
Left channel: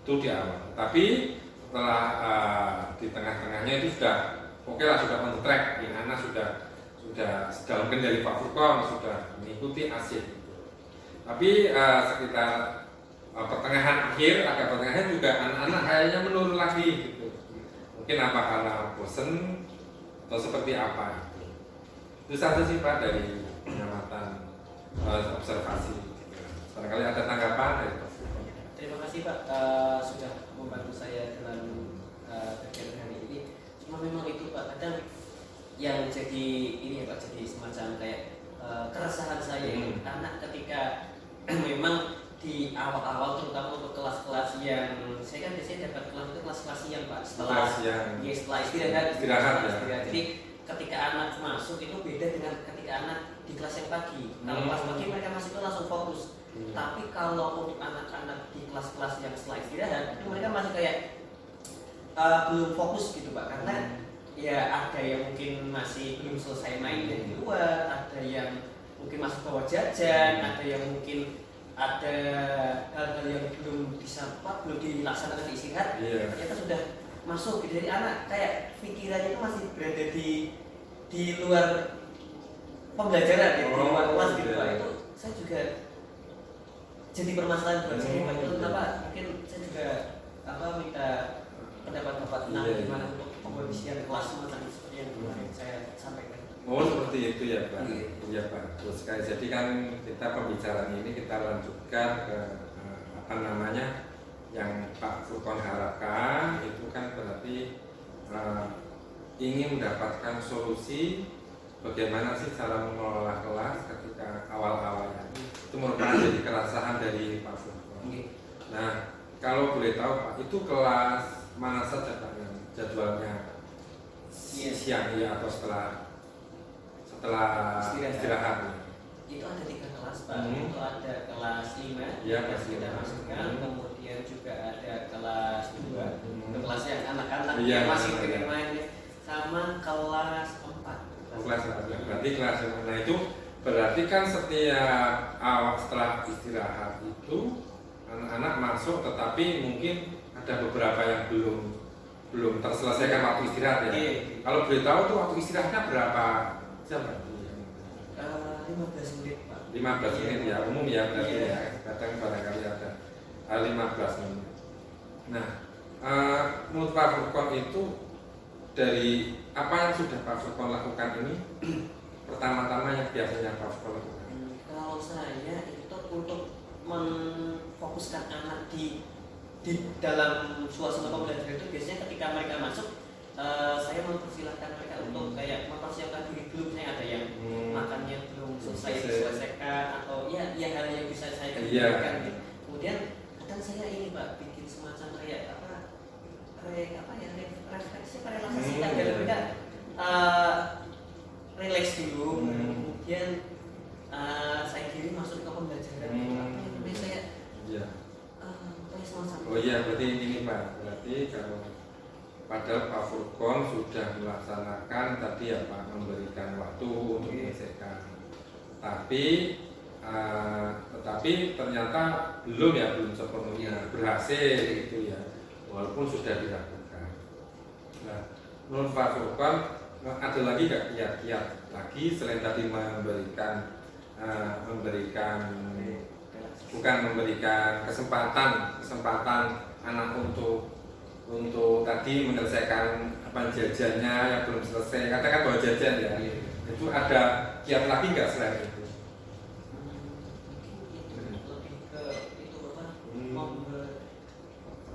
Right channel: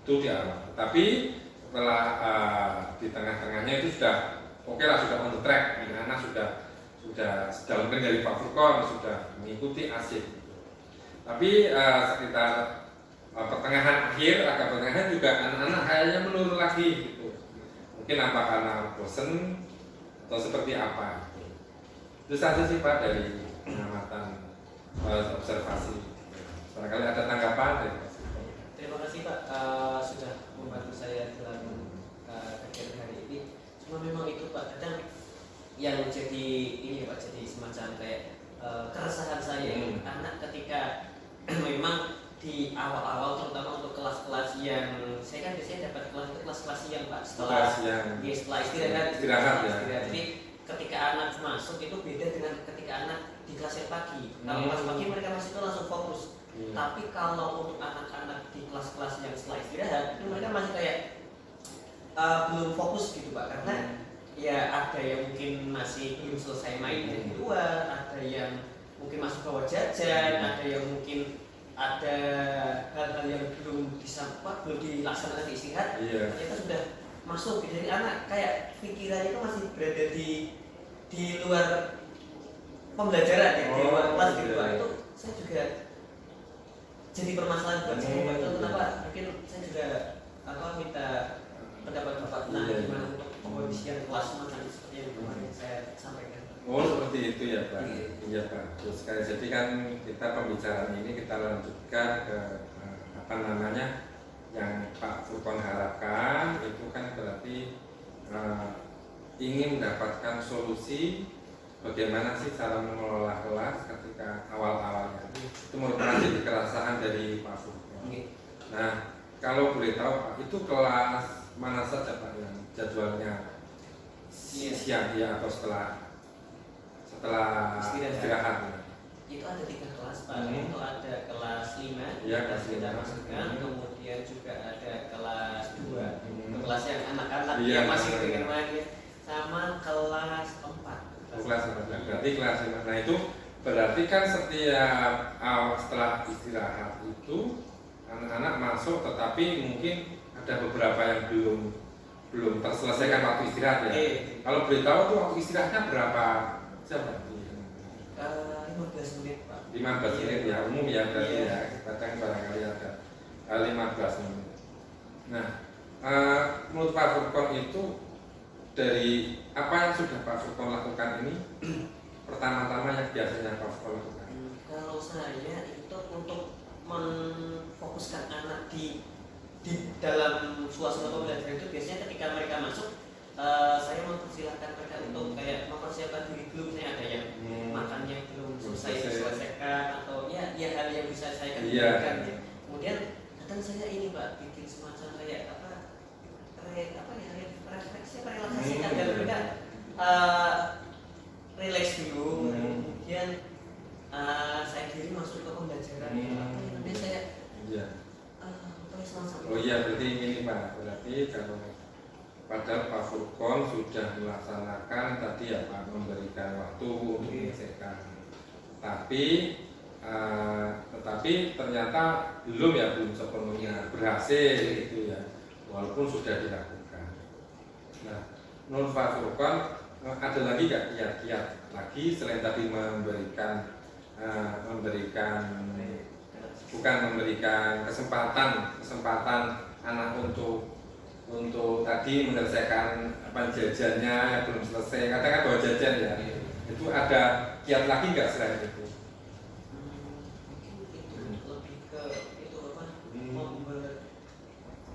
itu di awal. Tapi setelah di tengah-tengahnya itu sudah oke lah, sudah on the track, anak-anak sudah dalam kendali Pak Furqon, sudah mengikuti asik. Tapi sekitar pertengahan akhir, agak pertengahan juga anak-anak kayaknya menurun lagi gitu. Mungkin apa karena bosen atau seperti apa. Itu saja sih Pak dari pengamatan observasi. Barangkali ada tanggapan dari Pak. Terima kasih Pak sudah membantu saya dalam kegiatan hari ini. Cuma memang itu Pak, kadang yang jadi ini ya Pak, jadi semacam kayak keresahan saya karena ketika memang di awal-awal terutama untuk kelas-kelas yang saya kan biasanya dapat kelas itu kelas-kelas siang Pak, setelah istirahat ya. Jadi ketika anak masuk itu beda dengan ketika anak di kelas yang pagi. Kalau kelas pagi mereka masih itu langsung fokus. Tapi kalau untuk anak-anak di kelas-kelas yang setelah istirahat itu mereka masih kayak belum fokus gitu Pak, karena ya ada yang mungkin masih belum selesai main dari luar, ada yang mungkin masih bawa jajan, ada yang mungkin ada hal-hal yang belum dilaksanakan di istirahat, ternyata sudah masuk. Jadi anak kayak pikirannya itu masih berada di luar pembelajaran, di luar kelas gitu Pak. Itu saya juga jadi permasalahan buat saya Pak. Itu kenapa mungkin saya juga minta pendapat Bapak tentang gimana untuk pengkondisian kelas semacam seperti yang kemarin saya sampaikan. Oh seperti itu ya Pak. Iya Pak. Terus sekali jadi kan kita pembicaraan ini kita lanjutkan ke yang Pak Furqon harapkan itu kan berarti ingin mendapatkan solusi bagaimana sih cara mengelola kelas ketika awal-awalnya. Itu merupakan jadi keresahan dari Pak Furqon. Nah kalau boleh tahu Pak, itu kelas mana saja Pak yang jadwalnya siang ya atau setelah istirahat? Itu ada 3 kelas Pak. Itu ada kelas 5 ya, yang kita masukkan, kemudian juga ada kelas 2 itu kelas yang anak-anak yang masih bermain ya, sama kelas 4. Kelas 4 berarti kelas 5. Nah itu Berarti kan setiap awal setelah istirahat itu anak-anak masuk, tetapi mungkin ada beberapa yang belum terselesaikan waktu istirahat ya. Kalau boleh tahu tuh waktu istirahatnya berapa jam berarti? 15 menit Pak. 15 menit ya, umum ya berarti ya. Kadang barangkali ada 15 menit. Nah, menurut Pak Furqon itu dari apa yang sudah Pak Furqon lakukan ini, pertama-tama yang biasanya Pak Furqon lakukan? Kalau saya itu untuk memfokuskan anak di dalam suasana pembelajaran itu biasanya ketika mereka masuk, saya mempersilahkan mereka untuk kayak mempersiapkan diri dulu. Misalnya ada yang makan yang belum selesai diselesaikan atau ya hal yang bisa saya kerjakan. Kemudian kadang saya ini Pak bikin semacam kayak refleksi relaksasi agar mereka relax dulu. Kemudian saya kiri masuk ke pembelajaran. Tapi saya oh iya, berarti ini Pak, berarti kalau padahal Pak Furqon sudah melaksanakan tadi ya Pak, memberikan waktu untuk menyelesaikan, tetapi ternyata belum sepenuhnya berhasil gitu ya, walaupun sudah dilakukan. Nah, menurut Pak Furqon ada lagi nggak kiat-kiat lagi selain tadi memberikan kesempatan anak untuk tadi menyelesaikan jajannya yang belum selesai, katakan bawa jajan ya, itu ada kiat lagi nggak selain itu? lebih ke itu Bapak,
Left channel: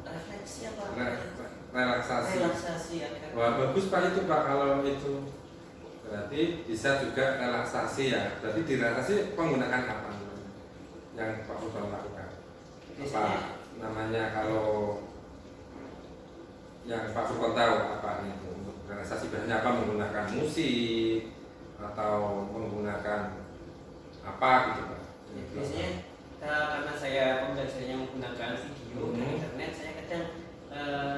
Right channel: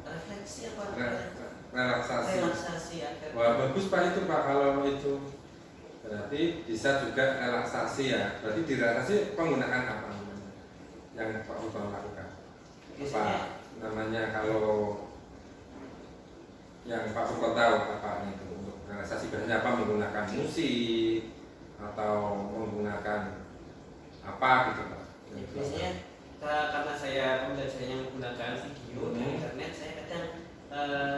refleksi apa? Relaksasi. agar Wah, bagus Pak itu Pak, kalau itu berarti bisa juga relaksasi ya. Berarti di relaksasi penggunaan apa yang Pak Furqon lakukan? Apa namanya kalau yang Pak Furqon tahu apa itu untuk relaksasi? Biasanya apa, menggunakan musik atau menggunakan apa gitu Pak? Biasanya karena saya pembelajarannya menggunakan video dan internet, saya kadang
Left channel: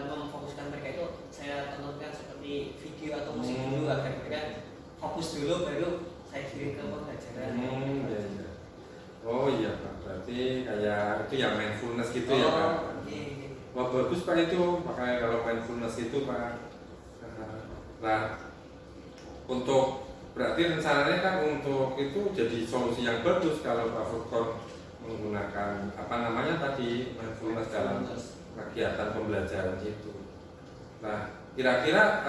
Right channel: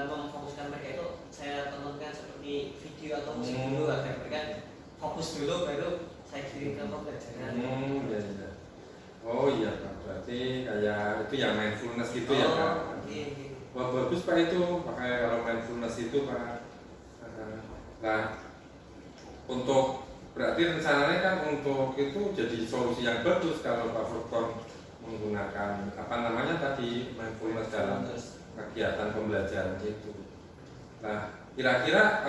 memfokuskan mereka itu saya tontonkan seperti video atau musik dulu agar mereka fokus dulu, baru saya kirim ke pembelajaran. Iya. Oh iya Pak, berarti kayak itu yang mindfulness gitu ya Pak? Iya. Wah bagus Pak itu, makanya kalau mindfulness itu Pak. Nah, untuk berarti rencananya kan untuk itu jadi solusi yang bagus kalau Pak Furqon menggunakan apa namanya tadi mindfulness dalam kegiatan pembelajaran itu. Nah, kira-kira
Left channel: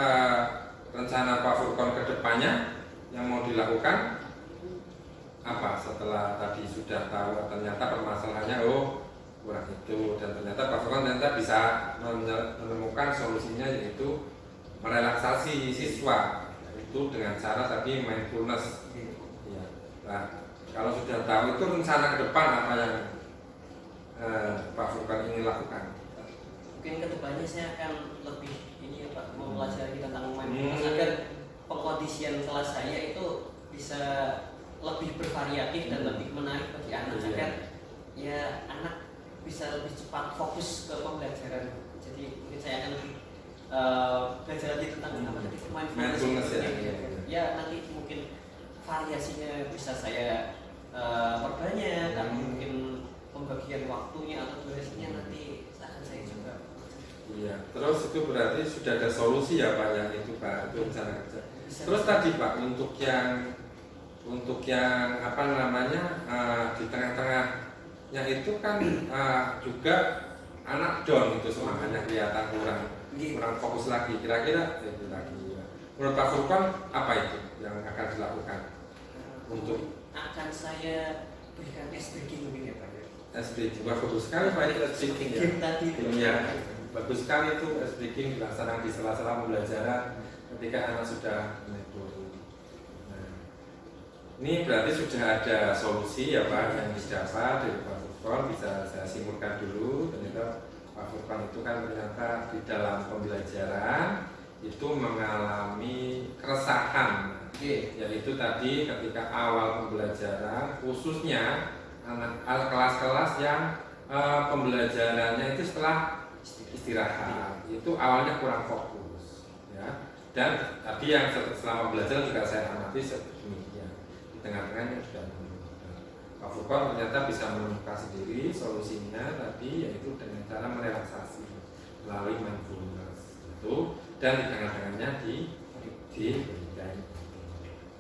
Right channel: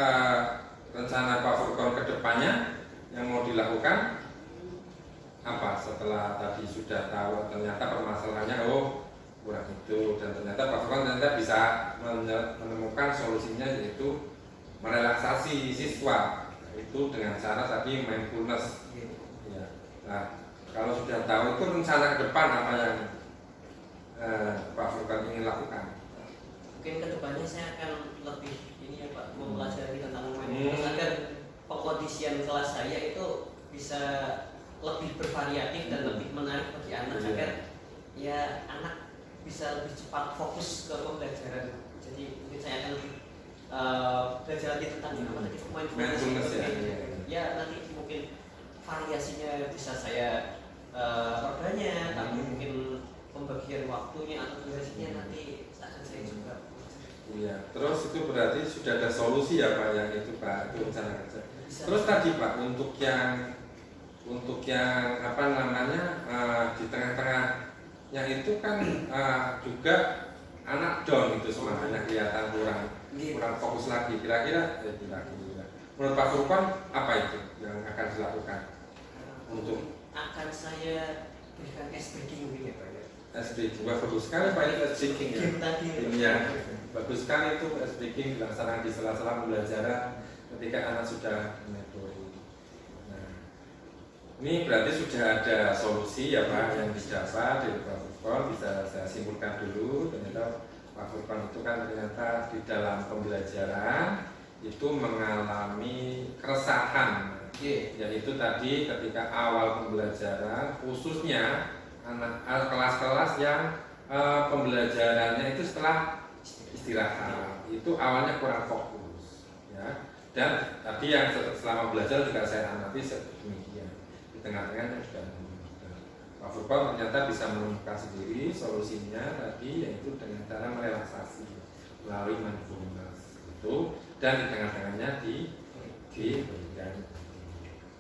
rencana Pak Furqon ke depannya yang mau dilakukan apa setelah tadi sudah tahu ternyata permasalahannya kurang itu, dan ternyata Pak Furqon ternyata bisa menemukan solusinya, yaitu merelaksasi siswa itu dengan cara tadi mindfulness ya. Nah, kalau sudah tahu itu rencana ke depan apa yang Pak Furqon ingin lakukan? Mungkin kedepannya saya akan lebih ini ya Pak, mempelajari tentang mindfulness agar pengkondisian kelas saya itu bisa lebih bervariatif dan lebih menarik bagi anak, agar ya anak bisa lebih cepat fokus ke pembelajaran. Jadi mungkin saya akan lebih belajar lagi tentang apa tadi, mindfulness ya. Nanti mungkin variasinya bisa saya perbanyak, tapi mungkin pembagian waktunya atau durasinya nanti akan saya coba. Iya, terus itu berarti sudah ada solusi ya Pak yang itu Pak, itu rencana kerja. Terus tadi Pak untuk yang apa namanya di tengah-tengahnya itu kan juga anak down itu semangatnya kelihatan kurang fokus lagi. Kira-kira menurut Pak Furqon apa itu yang akan dilakukan untuk akan saya berikan S-breaking mungkin ya Pak ya. S-breaking, bagus sekali Pak itu S-breaking ya. Tadi ya. Bagus sekali itu S-breaking dilaksanakan di sela-sela pembelajaran ketika anak sudah metode. Nah, ini berarti sudah ada solusi ya Pak yang didapat dari Pak Furqon, bisa saya simpulkan dulu. Ternyata Pak Furqon itu kan ternyata di dalam pembelajaran itu mengalami keresahan, yaitu tadi ketika awal pembelajaran, khususnya anak kelas-kelas yang pembelajarannya itu setelah istirahat, itu awalnya kurang fokus ya. Dan tadi yang selama belajar juga saya amati sedemikian. di tengah-tengahnya sudah menemukan. Pak Furqon ternyata bisa menemukan sendiri solusinya tadi, yaitu dengan cara merelaksasi melalui mindfulness itu, dan di tengah-tengahnya diberikan.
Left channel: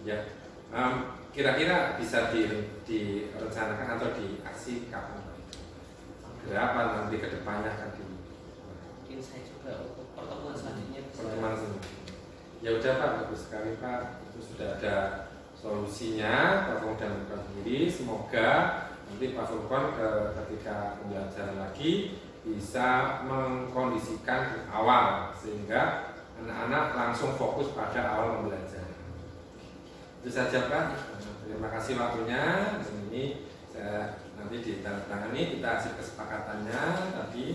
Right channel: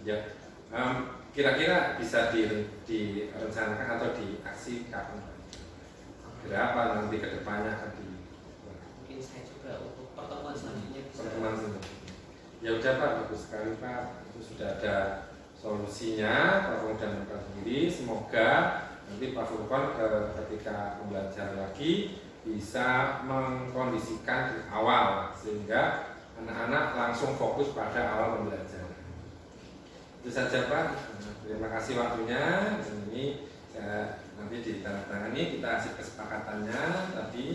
Ya, kira-kira bisa direncanakan atau diaksi kapan? Berapa nanti kedepannya akan di? Mungkin saya juga untuk pertemuan selanjutnya bisa. Pertemuan selanjutnya. Ya udah Pak, bagus sekali Pak. Itu sudah ada solusinya, Pak Furqon dan Pak sendiri. Semoga nanti Pak Furqon ketika pembelajaran lagi bisa mengkondisikan di awal sehingga anak-anak langsung fokus pada awal pembelajaran. Itu saja Pak. Terima kasih waktunya. Dan ini saya nanti ditandatangani, kita kasih kesepakatannya tadi.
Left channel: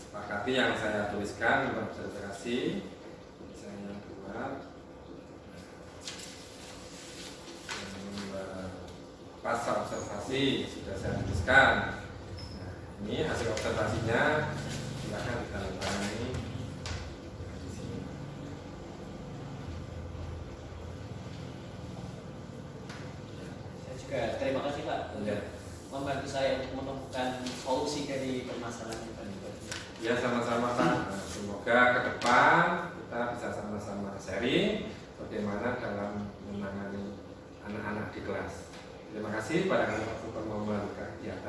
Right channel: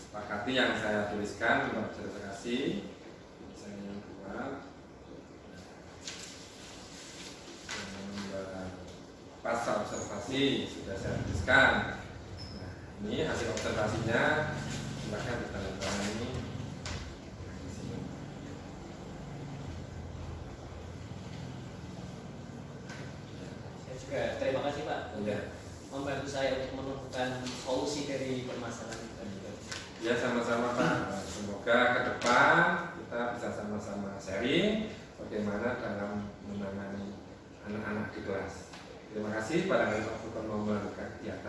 Sepakati yang saya tuliskan untuk observasi. Saya buat pasal observasi sudah saya tuliskan. Nah, ini hasil observasinya, silakan ditandatangani. Juga terima kasih Pak Ya. membantu saya untuk menemukan solusi dari permasalahan ini. Ya sama-sama Pak. Semoga ke depan kita bisa sama-sama sharing bagaimana dalam menangani anak-anak di kelas. Terima kasih pada Pak Furqon membuka kegiatan.